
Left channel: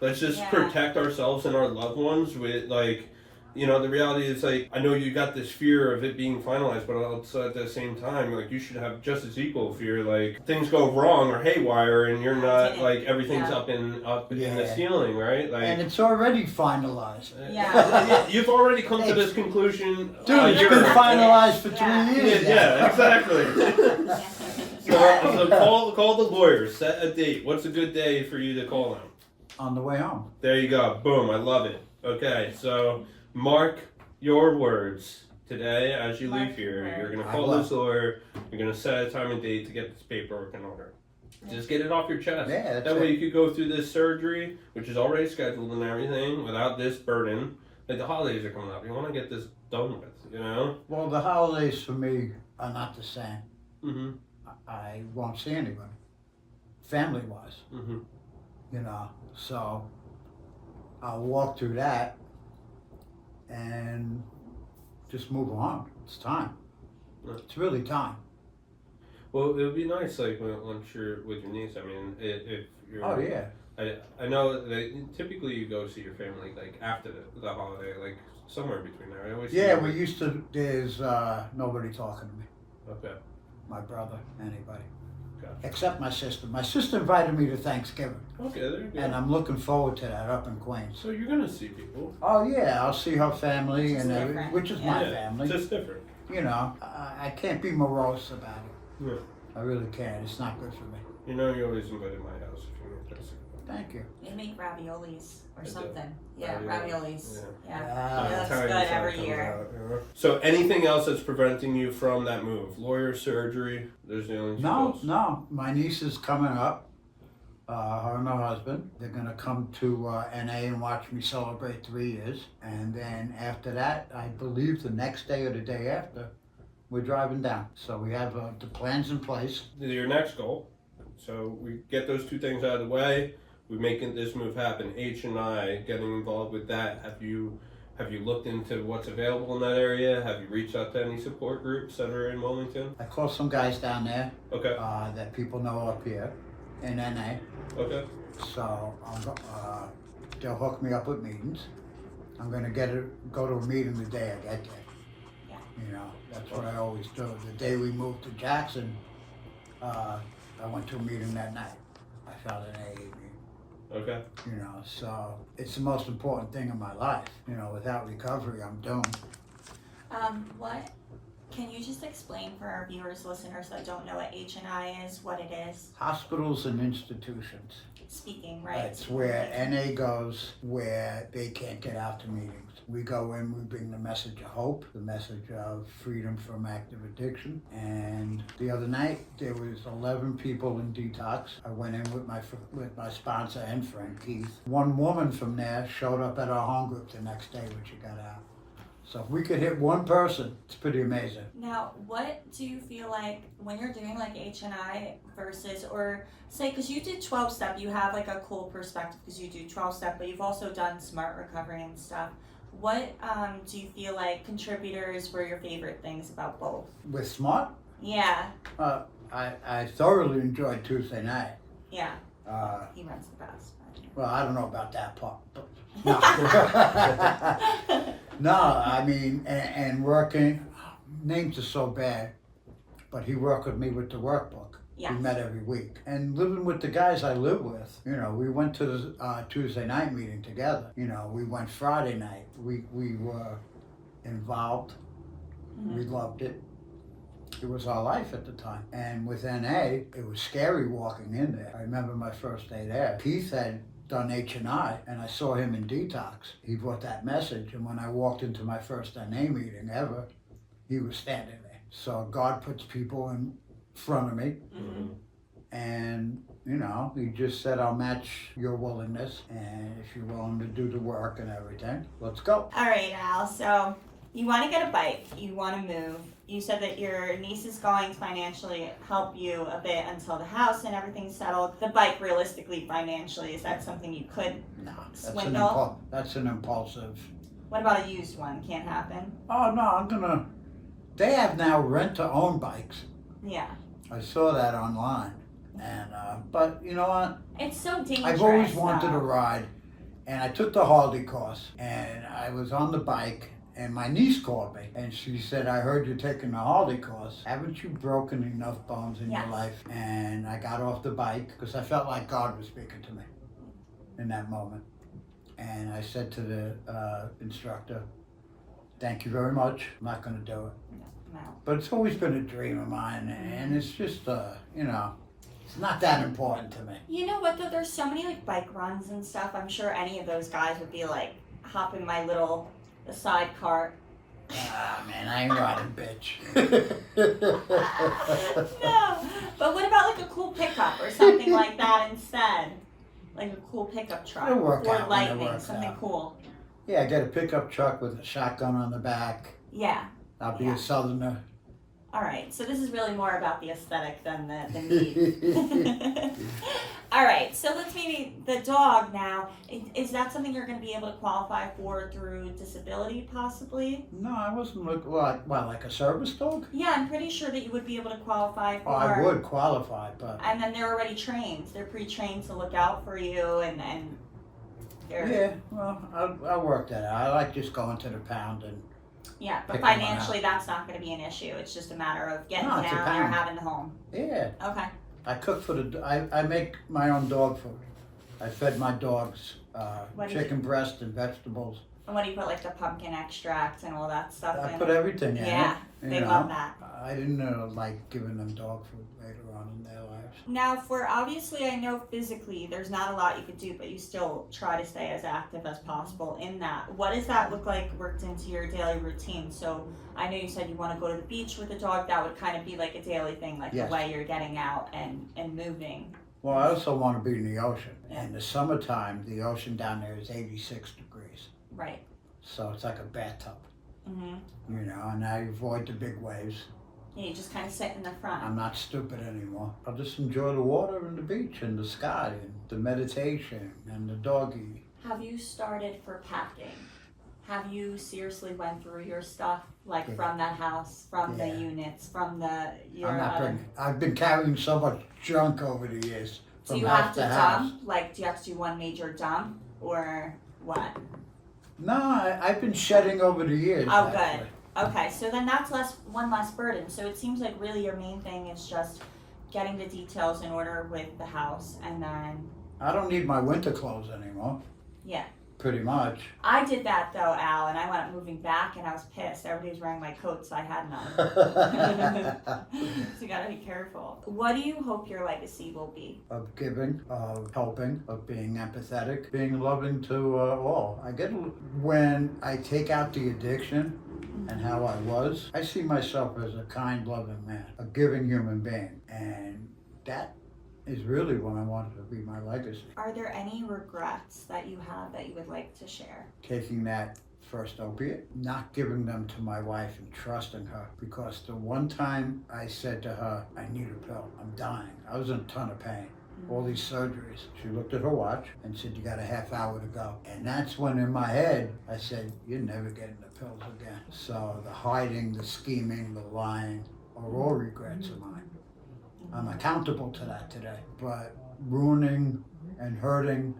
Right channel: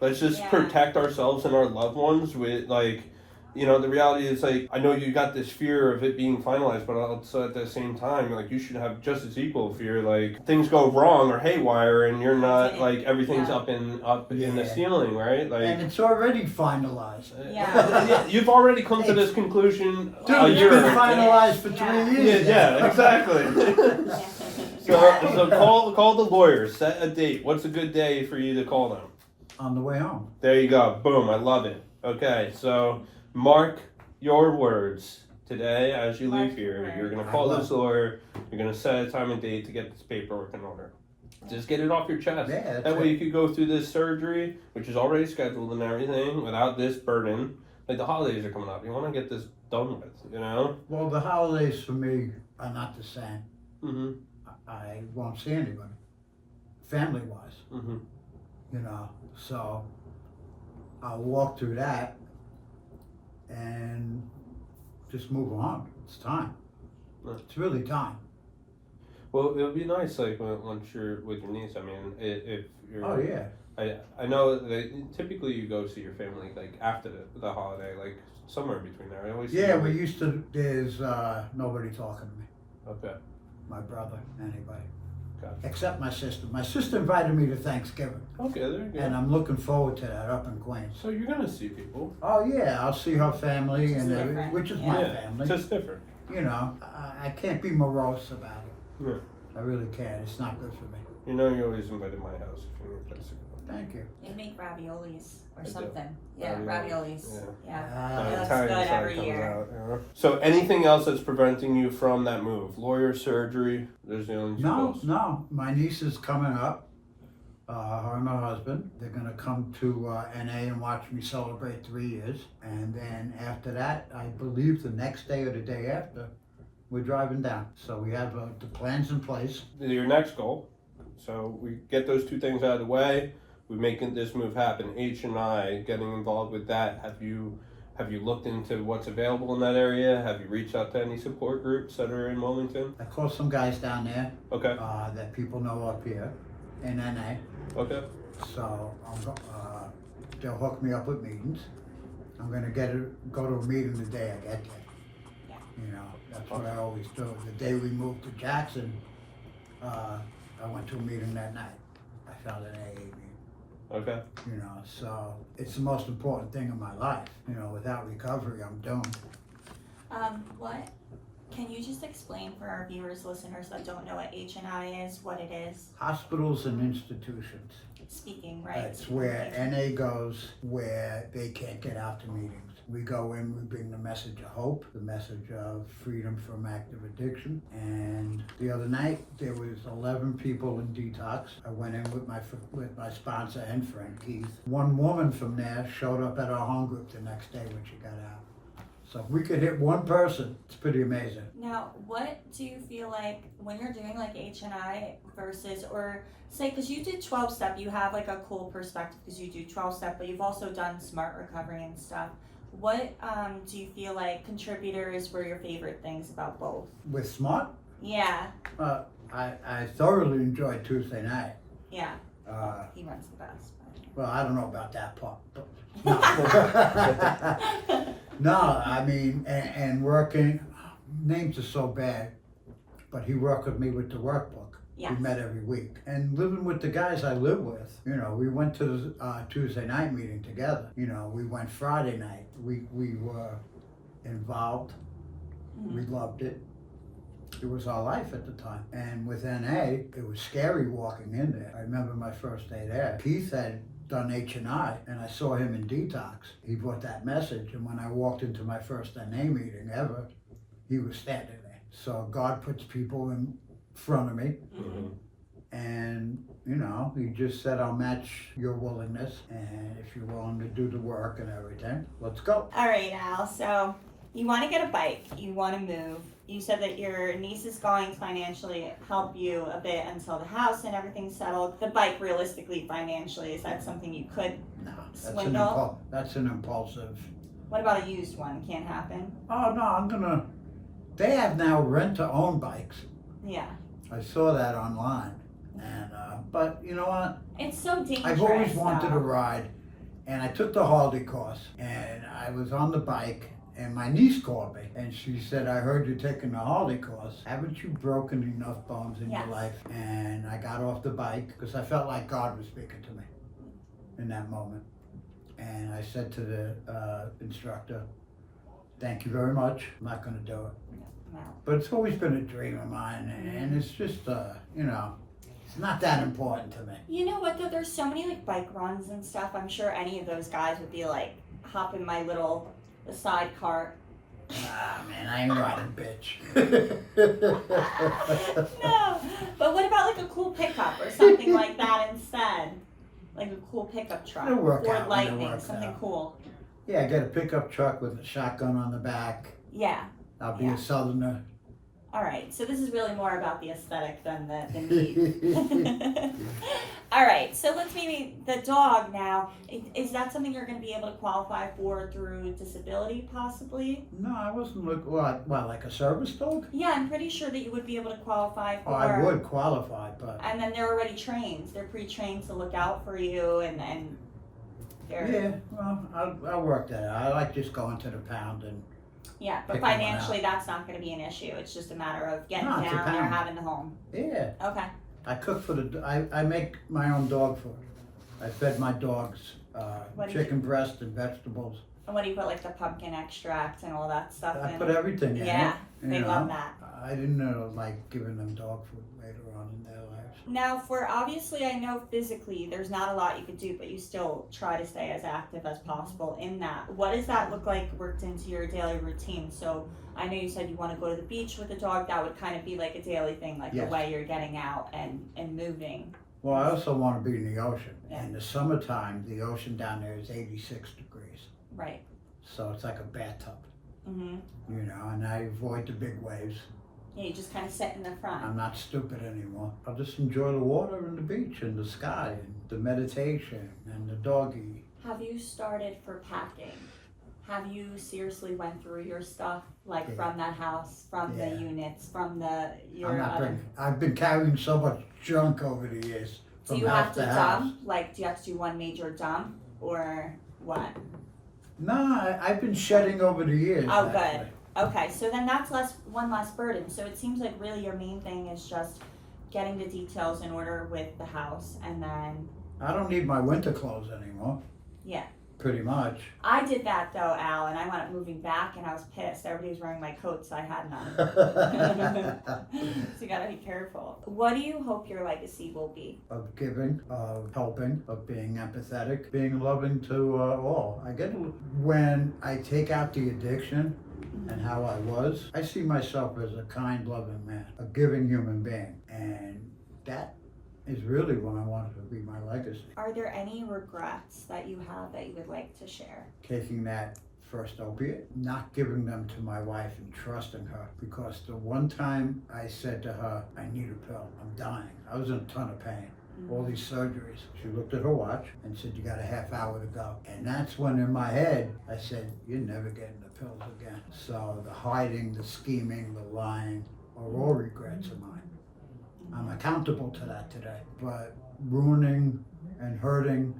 Let's just Yeah. protect ourselves and our loved ones with the reality is I know you got this fear of it being finalized, but also at the same time, you should have just as equal fear, things go wrong or haywire and you're not, everything's Yeah. up in the Yeah. ceiling, right? And it's already finalized. Yeah. You've already come to this conclusion Dude, a it's year been ago. finalized for Yeah. 3 years. Yeah, exactly. Yeah. So call the lawyer, set a date. What's a good day for you to call them? On the way home. There you go. Boom. I love it. Okay, so mark your words today as you Mark leave your here. words. You're going to I call will. this lawyer. You're going to set a time and date to get this paperwork in order. Just get it off your chest. Yeah, that's That way it. you could go through this surgery, which is already scheduled and everything, without this burden. The holidays are coming up. You want to get this done with, Well, the holidays for me are not the same. Mm-hmm. I won't see anybody, family-wise, Mm-hmm. So I'll walk through that and just move on. It's time. Yeah. It's really time. Well, it would be nice, once you're with your niece. I mean, if you're. Oh yeah. I know that typically you go see your family after the holiday, somewhere in between there. I always see Yeah, you we with- used to. There's nobody talking to me. Okay, My brother, anybody, gotcha. except my sister. My sister invited me to Thanksgiving, Okay, there you go. and I'm looking forward to that up in Queens. So you're gonna see people. Oh yeah, I'll see her family, Which is and different, which is yeah. my Yeah, family. just different. I can't be morose about it. Yeah. I really can't. It's not good for me. You know you're always invited to my house if you need to. Thank you. They make raviolis or I do. something. Yeah, Raviolis, raviolis. yeah. Yeah. It looks Italian good side every comes year. out, So anything else that's preventing you from that move? Lawyer, surgery, there's the only two goals. No. My niece is coming up. Her and her husband. They're gonna come to NA and watch me celebrate 3 years. And then after that, I believe the next day or the day after, we're driving down. So we have the plans in place. Your next goal. So we get those two things out of the way. We're making this move happen. H&I, getting involved with that. Have you looked into what's available in that area? Have you reached out to any support groups that are in Wilmington? I called some guys down there Okay. that people know up here in NA. Okay. So they'll hook me up with meetings. I'm going to go to a meeting the day I get there. Yeah. You know, that's what I always do. The day we moved to Jackson, I went to a meeting that night. I found an AA meeting. Okay. You know, so it's the most important thing in my life. You know, without recovery, I'm doomed. What? Can you just explain for our viewers, listeners that don't know what H&I is, what it is? Hospitals and institutions. Speaking, right? That's where NA goes, where they can't get out to meetings. We go in, we bring the message of hope, the message of freedom from active addiction. And the other night, there was 11 people in detox. I went in with my sponsor and friend, Keith. One woman from there showed up at our home group the next day when she got out. So if we could hit one person, it's pretty amazing. Now, what do you feel like when you're doing like H&I versus, or say, because you did 12-step, you have like a cool perspective because you do 12-step, but you've also done smart recovery and stuff. What do you feel like contributors were your favorite things about both? With SMART, Yeah, I thoroughly enjoyed Tuesday night. yeah. He runs the best. Well, I don't know about that part. But no. No, I mean, and working, names are so bad, but he worked with me with the workbook. Yes. We met every week. And living with the guys I live with, you know, we went to the Tuesday night meeting together. You know, we went Friday night. We were involved. Mm-hmm. We loved it. It was our life at the time. And with NA, it was scary walking in there. I remember my first day there. Keith had done H&I, and I saw him in detox. He brought that message, and when I walked into my first NA meeting ever, he was standing there. So God puts people in front of me, and you know, he just said, I'll match your willingness, and if you're willing to do the work and everything, let's go. All right, Al, so you want to get a bike, you want to move. You said that your niece is going to financially help you a bit until the house and everything's settled. The bike, realistically, financially, is that something you could swindle? That's an impulsive. What about a used one? Can't happen? Oh no, they have now rent-to-own bikes. Yeah. I saw that online, and but you know what? It's so dangerous. I've always wanted to ride, and I took the Harley course, and I was on the bike. And my niece called me, and she said, I heard you taking the Harley course. Haven't you broken enough bones in your life? And I got off the bike because I felt like God was speaking to me in that moment. And I said to the instructor, thank you very much. I'm not going to do it. No. But it's always been a dream of mine, and it's just, you know, it's not that important to me. You know what, though? There's so many, like, bike runs and stuff. I'm sure any of those guys would be, like, hop in my little... the side cart. Ah, man, I ain't riding, bitch. No, but what about like a cool pickup or something like that instead? Like a cool pickup truck It'll work or out when it lightning, works something out. cool. Yeah, get a pickup truck with a shotgun on the back. Yeah. I'll be a southerner. All right, so this is really more about the aesthetic than the need. All right, so let's maybe, the dog now, is that something you're going to be able to qualify for through disability possibly? No, I wasn't looking, what, like a service dog? Yeah, I'm pretty sure that you would be able to qualify for. Oh, I would qualify, but. And then they're already trained. They're pre-trained to look out for you and they're. Yeah, well, I'll work that out. I like just going to the pound and. Yeah, but Pick one financially that's not going to be an issue. It's just a matter of getting No, it's a down there, pound. having the home. Yeah. Okay. I cook for I make my own dog food. I fed my dogs What do you chicken breast and vegetables. And what do you put, like the pumpkin extract and all that stuff I in? put everything in Yeah, it. they you love know. that. I didn't like giving them dog food later on in their lives. Now, for obviously, I know physically there's not a lot you could do, but you still try to stay as active as possible in that. What does that look like worked into your daily routine? So I know you said you want to go to the beach with the dog. That would kind of be like a daily thing, like Yes. the way you're getting out and moving. Well, I also want to be in the ocean. Yeah. In the summertime, the ocean down there is 86 degrees. Right. So it's like a bathtub, Mm-hmm. you know, and I avoid the big waves. Yeah, you just kind of sit in the front. I'm not stupid anymore. I'll just enjoy the water and the beach and the sky and the meditation and the doggy. Have you started for packing? Have you seriously went through your stuff, like Yeah. from that house, from the Yeah. units, from your I'm not other... bringing, I've been carrying so much junk over the years. Do from you house have to house. dump? Like, do you have to do one major dump? or what? No, I've been shedding over the years. Oh, actually. good. Okay, so then that's one less burden. So it seems like really your main thing is just getting the details in order with the house, and then I don't need my winter clothes anymore. Yeah. Pretty much. I did that though, Al, and I wound up moving back, and I was pissed. Everybody was wearing my coats, so I had none. So you gotta be careful. What do you hope your legacy will be? Of giving, of helping, of being empathetic, being loving to all. When I take out the addiction and how I was, I see myself as a kind, loving man, a giving human being, and that is really what I wanted to be my legacy. Are there any regrets that you have that you would like to share? Taking that first opiate, not giving them to my wife and trusting her, because the one time I said to her, I need a pill, I'm dying. I was in a ton of pain. All these surgeries. She looked at her watch and said, you got a half hour to go. And that's when in my head, I said, you're never getting the pills again. So the hiding, the scheming, the lying are all regrets of mine. I'm accountable to that today. But ruining and hurting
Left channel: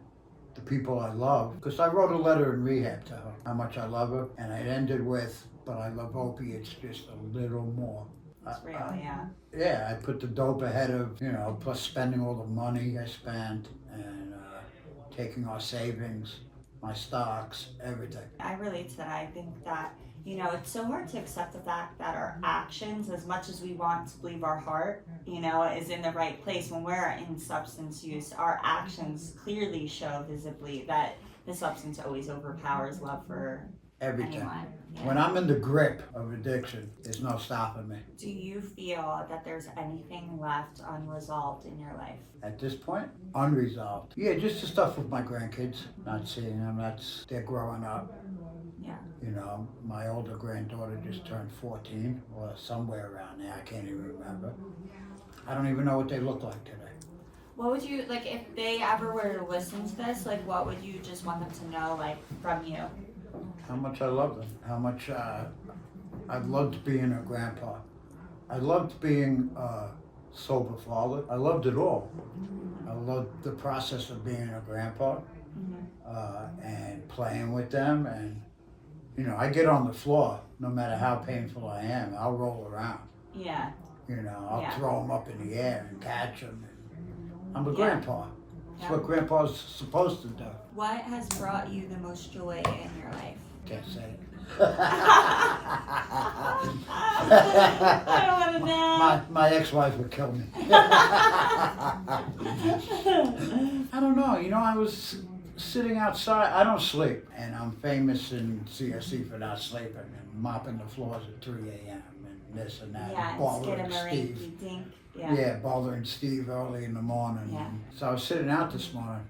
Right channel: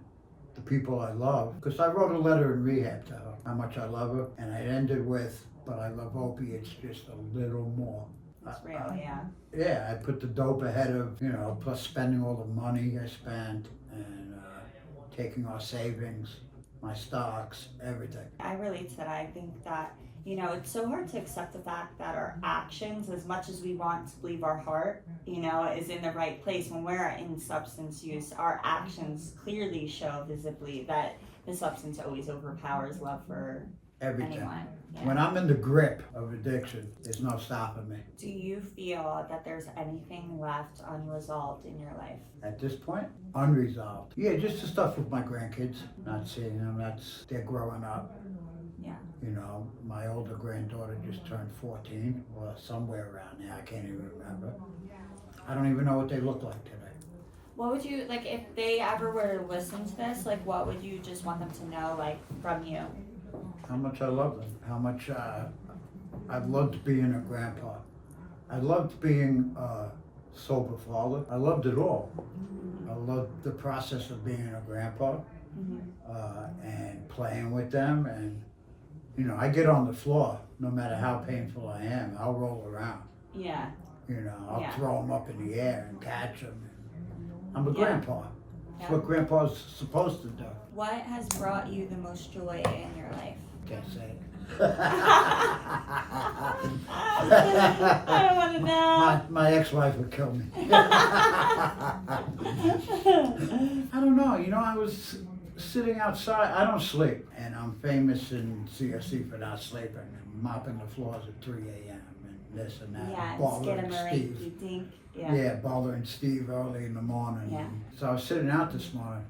the people I love, because I wrote a letter in rehab to her, how much I love her, and I ended with, but I love opiates just a little more. It's real, yeah. Yeah, I put the dope ahead of, plus spending all the money I spent and taking our savings, my stocks, everything. I relate to that. I think that, it's so hard to accept the fact that our actions, as much as we want to believe our heart, is in the right place, when we're in substance use, our actions clearly show visibly that the substance always overpowers love for Everything. anyone. Yeah. When I'm in the grip of addiction, there's no stopping me. Do you feel that there's anything left unresolved in your life? At this point, unresolved. Yeah, just the stuff with my grandkids, not seeing them, they're growing up. Yeah. My older granddaughter just turned 14, or somewhere around there, I can't even remember. I don't even know what they look like today. What would you, if they ever were to listen to this, what would you just want them to know, from you? How much I love them, how much I loved being a grandpa. I loved being a sober father. I loved it all. I loved the process of being a grandpa and playing with them. And, I get on the floor, no matter how painful I am, I'll roll around. Yeah. I'll throw them up in the air and catch them. I'm a grandpa. That's Yeah. what grandpa's supposed to do. What has brought you the most joy in your life? Can't say it. I don't want to know. My ex-wife would kill me. I don't know. I was sitting outside. I don't sleep, and I'm famous in CSC for not sleeping and mopping the floors at 3 a.m. and this and that. Yeah, Baller and Steve. dink. Yeah, Baller and Steve early in the morning. Yeah. So I was sitting out this morning,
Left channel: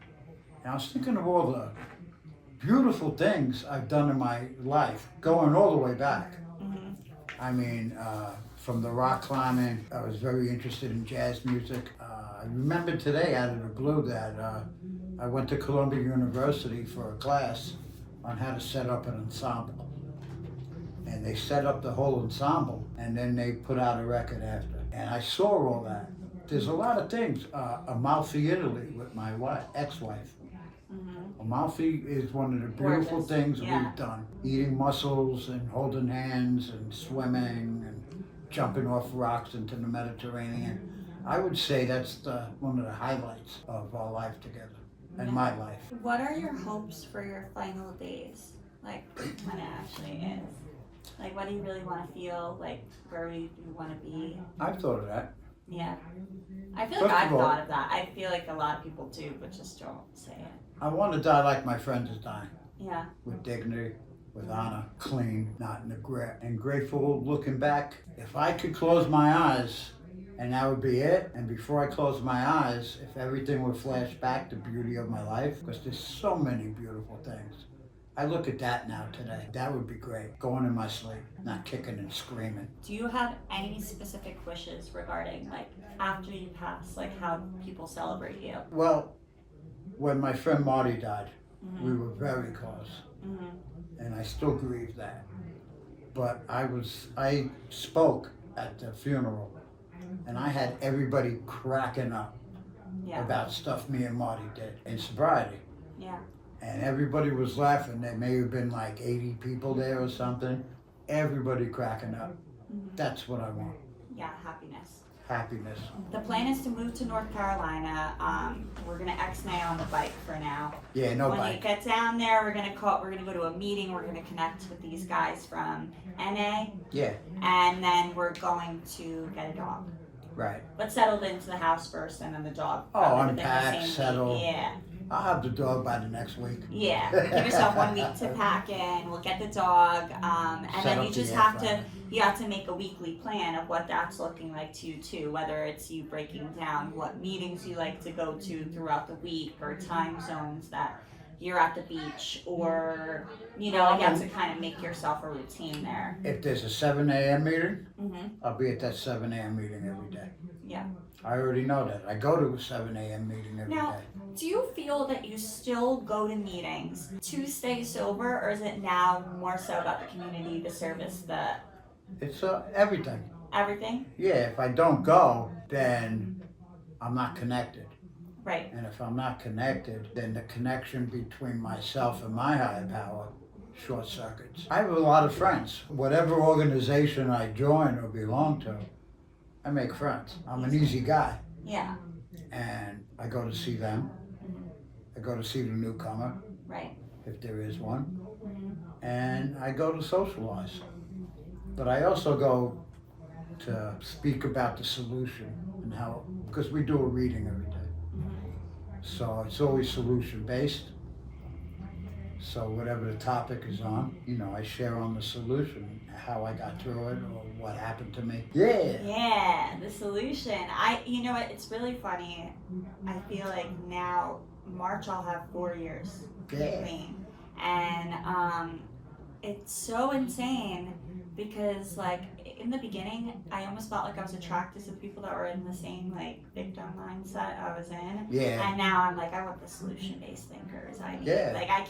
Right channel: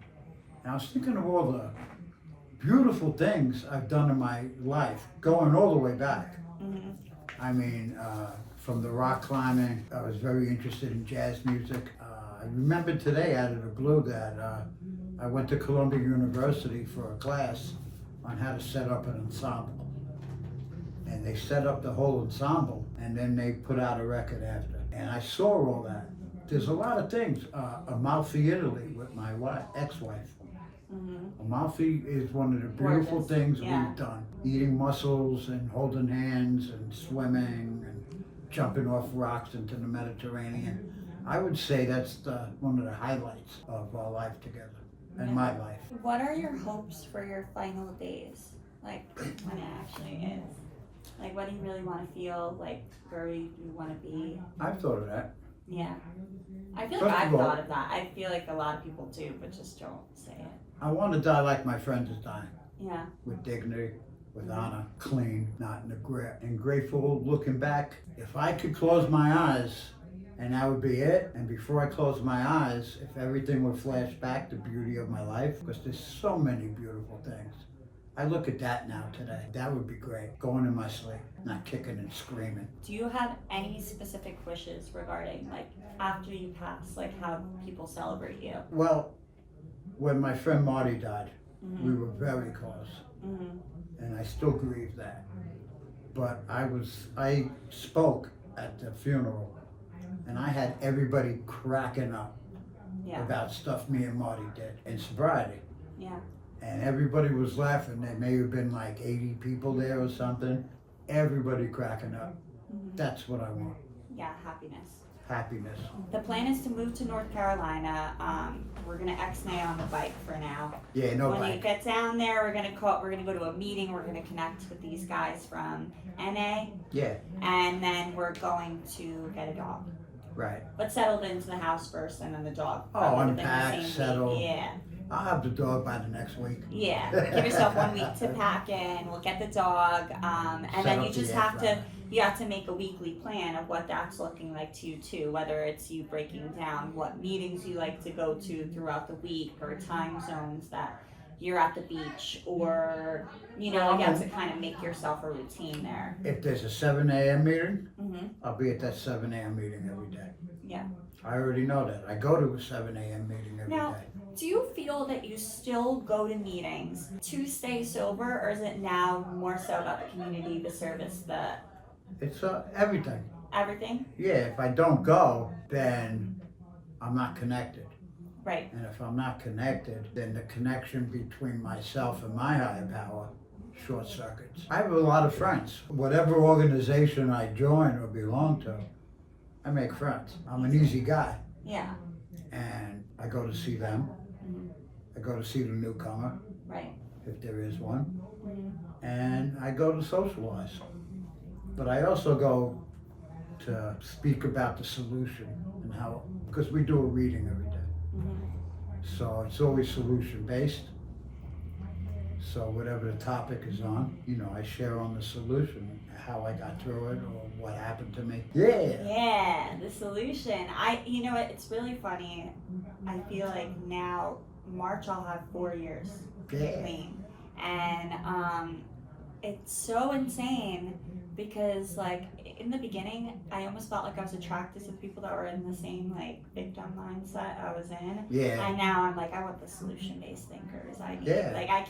and I was thinking of all the beautiful things I've done in my life, going all the way back. Mm-hmm. I mean, from the rock climbing, I was very interested in jazz music. I remember today out of the blue that I went to Columbia University for a class on how to set up an ensemble. And they set up the whole ensemble, and then they put out a record after. And I saw all that. There's a lot of things. Amalfi, Italy, with my ex-wife. Mm-hmm. Amalfi is one of the beautiful Gorgeous. things Yeah. we've done. Eating mussels and holding hands and swimming and jumping off rocks into the Mediterranean. I would say that's one of the highlights of our life together and Yeah. my life. What are your hopes for your final days? When it actually is? What do you really want to feel? Where you want to be? I've thought of that. Yeah. I feel First like of I've all- thought of that. I feel like a lot of people do, but just don't say it. I want to die like my friends is dying, Yeah. with dignity, with honor, clean, not in the grip, and grateful looking back. If I could close my eyes and that would be it, and before I close my eyes, if everything would flash back the beauty of my life, because there's so many beautiful things. I look at that now today. That would be great. Going in my sleep, not kicking and screaming. Do you have any specific wishes regarding, after you pass, how people celebrate you? Well, when my friend Marty died, Mm-hmm. we were very close, Mm-hmm. and I still grieve that. But I spoke at the funeral, and I had everybody cracking up Yeah. about stuff me and Marty did in sobriety. Yeah. And everybody was laughing. There may have been like 80 people there or something. Everybody cracking up. That's what I want. Yeah, happiness. Happiness. The plan is to move to North Carolina. We're gonna X-nay on the bike for now. Yeah, no when bike. we get down there, we're gonna go to a meeting. We're gonna connect with these guys from NA, Yeah, and then we're going to get a dog. right. But settled into the house first, and then the dog. Oh, probably within the unpack, same week. settle. Yeah. I'll have the dog by the next week. Yeah, give yourself 1 week to pack in. We'll get the dog, and Set then up you the just air have to fryer. you have to make a weekly plan of what that's looking like to you too. Whether it's you breaking down what meetings you like to go to throughout the week, or time zones that you're at the beach, or you have to kind of make yourself a routine there. If there's a 7 a.m. meeting, Mhm. I'll be at that 7 a.m. meeting every day. Yeah. I already know that. I go to a 7 a.m. meeting every Now- day. Do you feel that you still go to meetings to stay sober, or is it now more so about the community, the service, It's everything. everything? Yeah, if I don't go, then I'm not connected. Right. And if I'm not connected, then the connection between myself and my higher power short circuits. I have a lot of friends. Whatever organization I join or belong to, I make friends. I'm an easy guy. Yeah. And I go to see them. Mhm. I go to see the newcomer, Right. if there is one. Mhm. And I go to socialize. But I also go to speak about the solution and how, because we do a reading every day. Mhm. So it's always solution based. So whatever the topic is on, I share on the solution, how I got through it or what happened to me. Yeah. Yeah, the solution. You know what? It's really funny. I feel like now March I'll have 4 years Yeah. clean, and it's so insane because like in the beginning I almost felt like I was attracted to people that were in the same like victim mindset I was in. Yeah. And now I'm like, I want the solution-based thinkers. I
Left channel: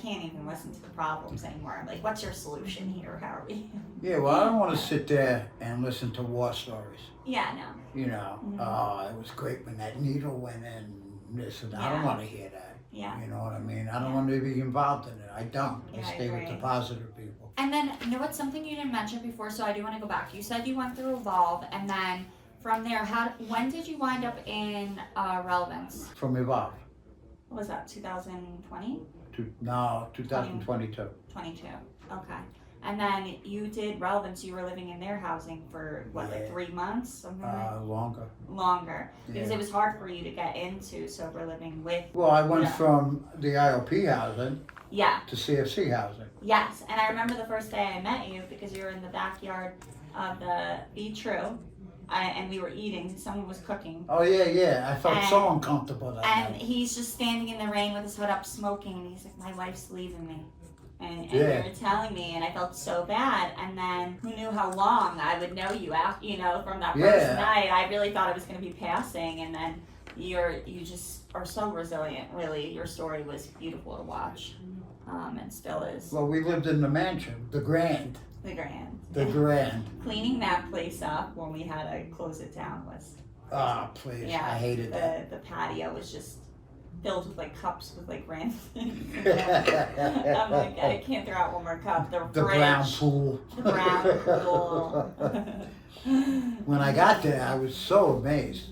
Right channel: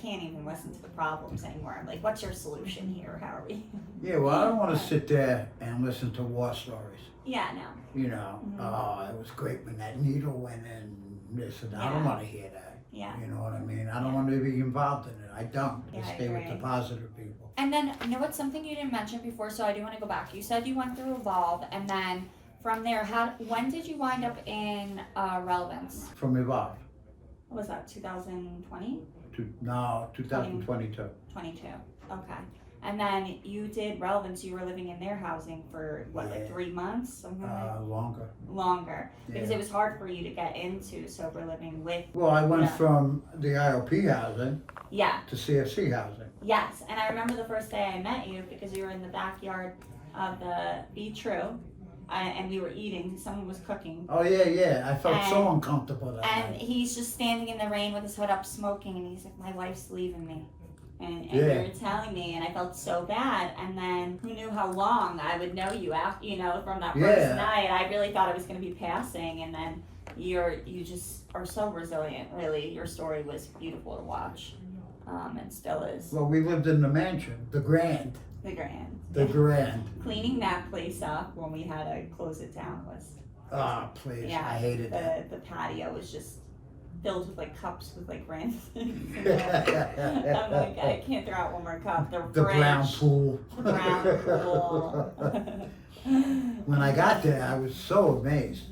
can't even listen to the problems anymore. I'm like, what's your solution here? How are we? Yeah, well, I don't want to sit there and listen to war stories. Yeah, no. Mm-hmm. Oh, it was great when that needle went in, this and I don't Yeah. want to hear that. Yeah. You know what I mean? I don't want to be involved in it. I don't. Yeah, I I stay with the agree. positive people. And then, what's something you didn't mention before, so I do want to go back. You said you went through Evolve, and then from there, when did you wind up in Relevance? From Evolve. What was that, 2020? 2022. 22. Okay. And then you did Relevance, you were living in their housing for, what, like 3 months? Something like Longer. longer. Because Yeah. it was hard for you to get into sober living with. Well, I went Yeah. from the IOP housing Yeah. to CFC housing. Yes. And I remember the first day I met you because you were in the backyard of the Be True. And we were eating, someone was cooking. Oh, yeah. I felt so And- uncomfortable that And night. he's just standing in the rain with his hood up smoking, and he's like, my wife's leaving me. And Yeah. you were telling me, and I felt so bad. And then who knew how long I would know you after, from that first Yeah. night. I really thought it was going to be passing, and then you just are so resilient. Really, your story was beautiful to watch, and still is. Well, we lived in the mansion, the Grand. The Grand. The Grand. Cleaning that place up when we had to close it down was. Oh, please. Yeah, I hated that. The patio was just filled with like cups with like random things. I'm like, I can't throw out one more cup. The fridge, brown pool. the brown pool. When I got there, I was so amazed.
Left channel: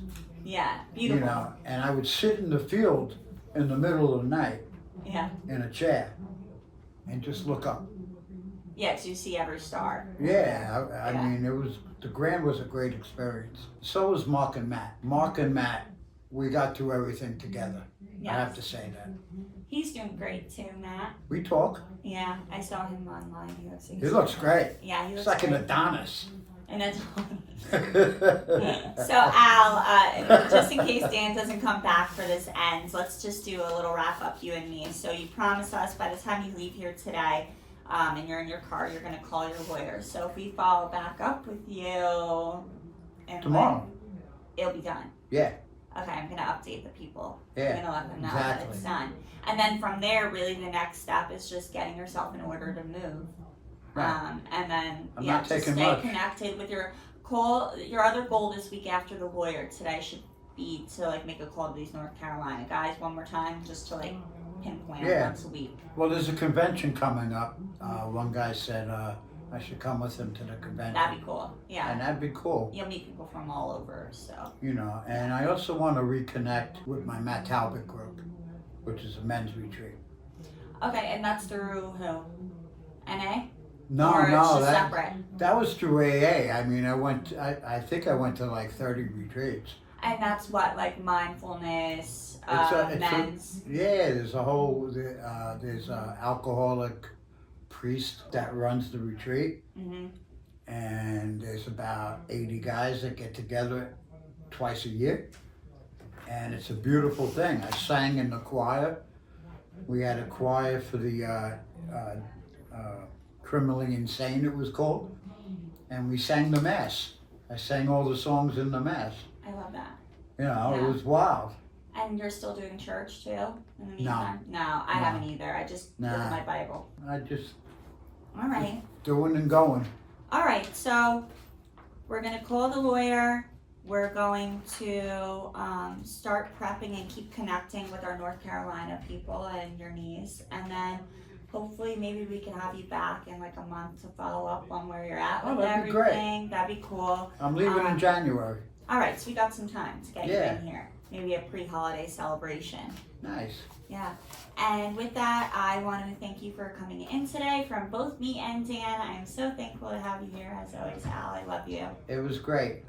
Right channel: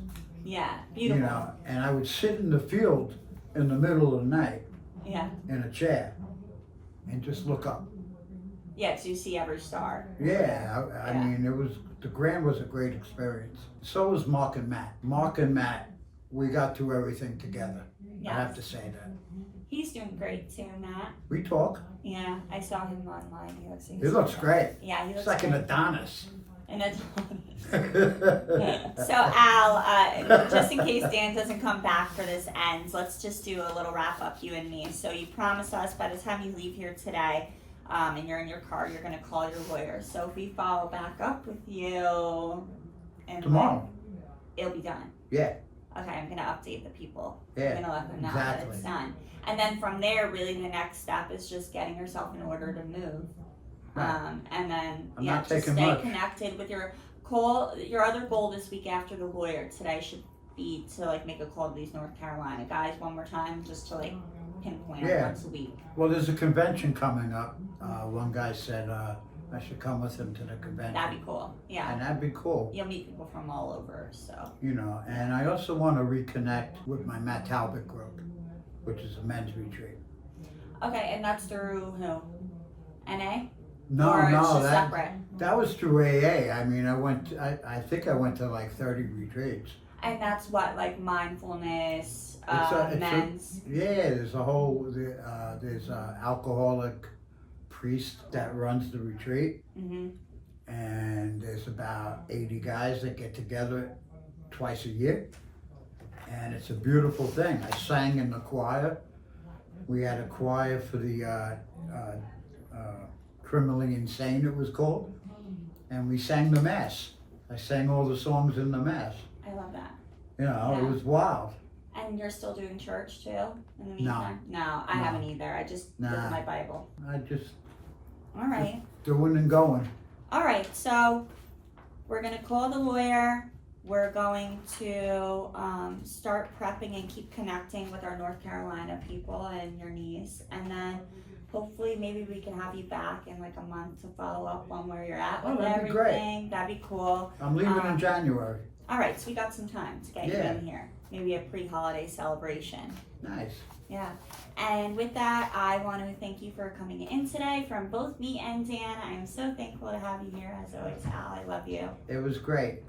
Yeah, beautiful. And I would sit in the field in the middle of the night Yeah, in a chair and just look up. yeah, because you see every star. Yeah, I Yeah. mean, the Grand was a great experience. So was Mark and Matt. Mark and Matt, we got through everything together. I have to Yes, say that. he's doing great too, Matt. We talk. Yeah, I saw him online. He looks. He looks great. Yeah, he It's looks like great. an Adonis. And it's So Al, just in case Dan doesn't come back for this ends, let's just do a little wrap up, you and me. So you promised us by the time you leave here today, and you're in your car, you're gonna call your lawyer. So if we follow back up with you, and Tomorrow. it'll be done. Yeah. Okay, I'm gonna update the people. Yeah, I'm gonna let them know that it's exactly. done. And then from there, really the next step is just getting yourself in order to move. Right. And then I'm yeah, not just taking stay much. connected with your call. Your other goal this week after the lawyer today should be to like make a call to these North Carolina guys one more time, just to like pinpoint Yeah. once a week. Well, there's a convention coming up. One guy said I should come with him to the convention. That'd be cool. Yeah. And that'd be cool. You'll meet people from all over, so. You know, and I also want to reconnect with my Matt Talbot group, which is a men's retreat. Okay, and that's through who? NA? No, or it's no, just that, separate? that was through AA. I mean, I think I went to like 30 retreats. And that's what, like mindfulness, It's men's? Yeah, there's a whole, there's a alcoholic priest that runs the retreat. Mm-hmm. And there's about 80 guys that get together twice a year. And it's a beautiful thing. I sang in the choir. We had a choir for the Criminally Insane, it was called. And we sang the Mass. I sang all the songs in the Mass. I love that. You know, Yeah. it was wild. And you're still doing church too in the meantime? No, I haven't either. I just look Nah. at my Bible. I just All right. doing and going. All right, so we're going to call the lawyer. We're going to start prepping and keep connecting with our North Carolina people and your niece. And then hopefully maybe we can have you back in like a month to follow up on where you're at with that'd be great. everything. That'd be cool. I'm leaving in January. All right, so we got some time to get Yeah. you in here. Maybe a pre-holiday celebration. Nice. Yeah. And with that, I want to thank you for coming in today from both me and Dan. I am so thankful to have you here as always, Al. I love you. It was great.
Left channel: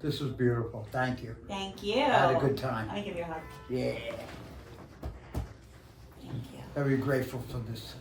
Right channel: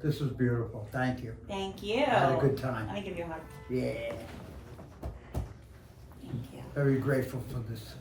This was beautiful. Thank you. Thank you. I had a good time. Let me give you a hug. Yeah. Thank you. Very grateful for this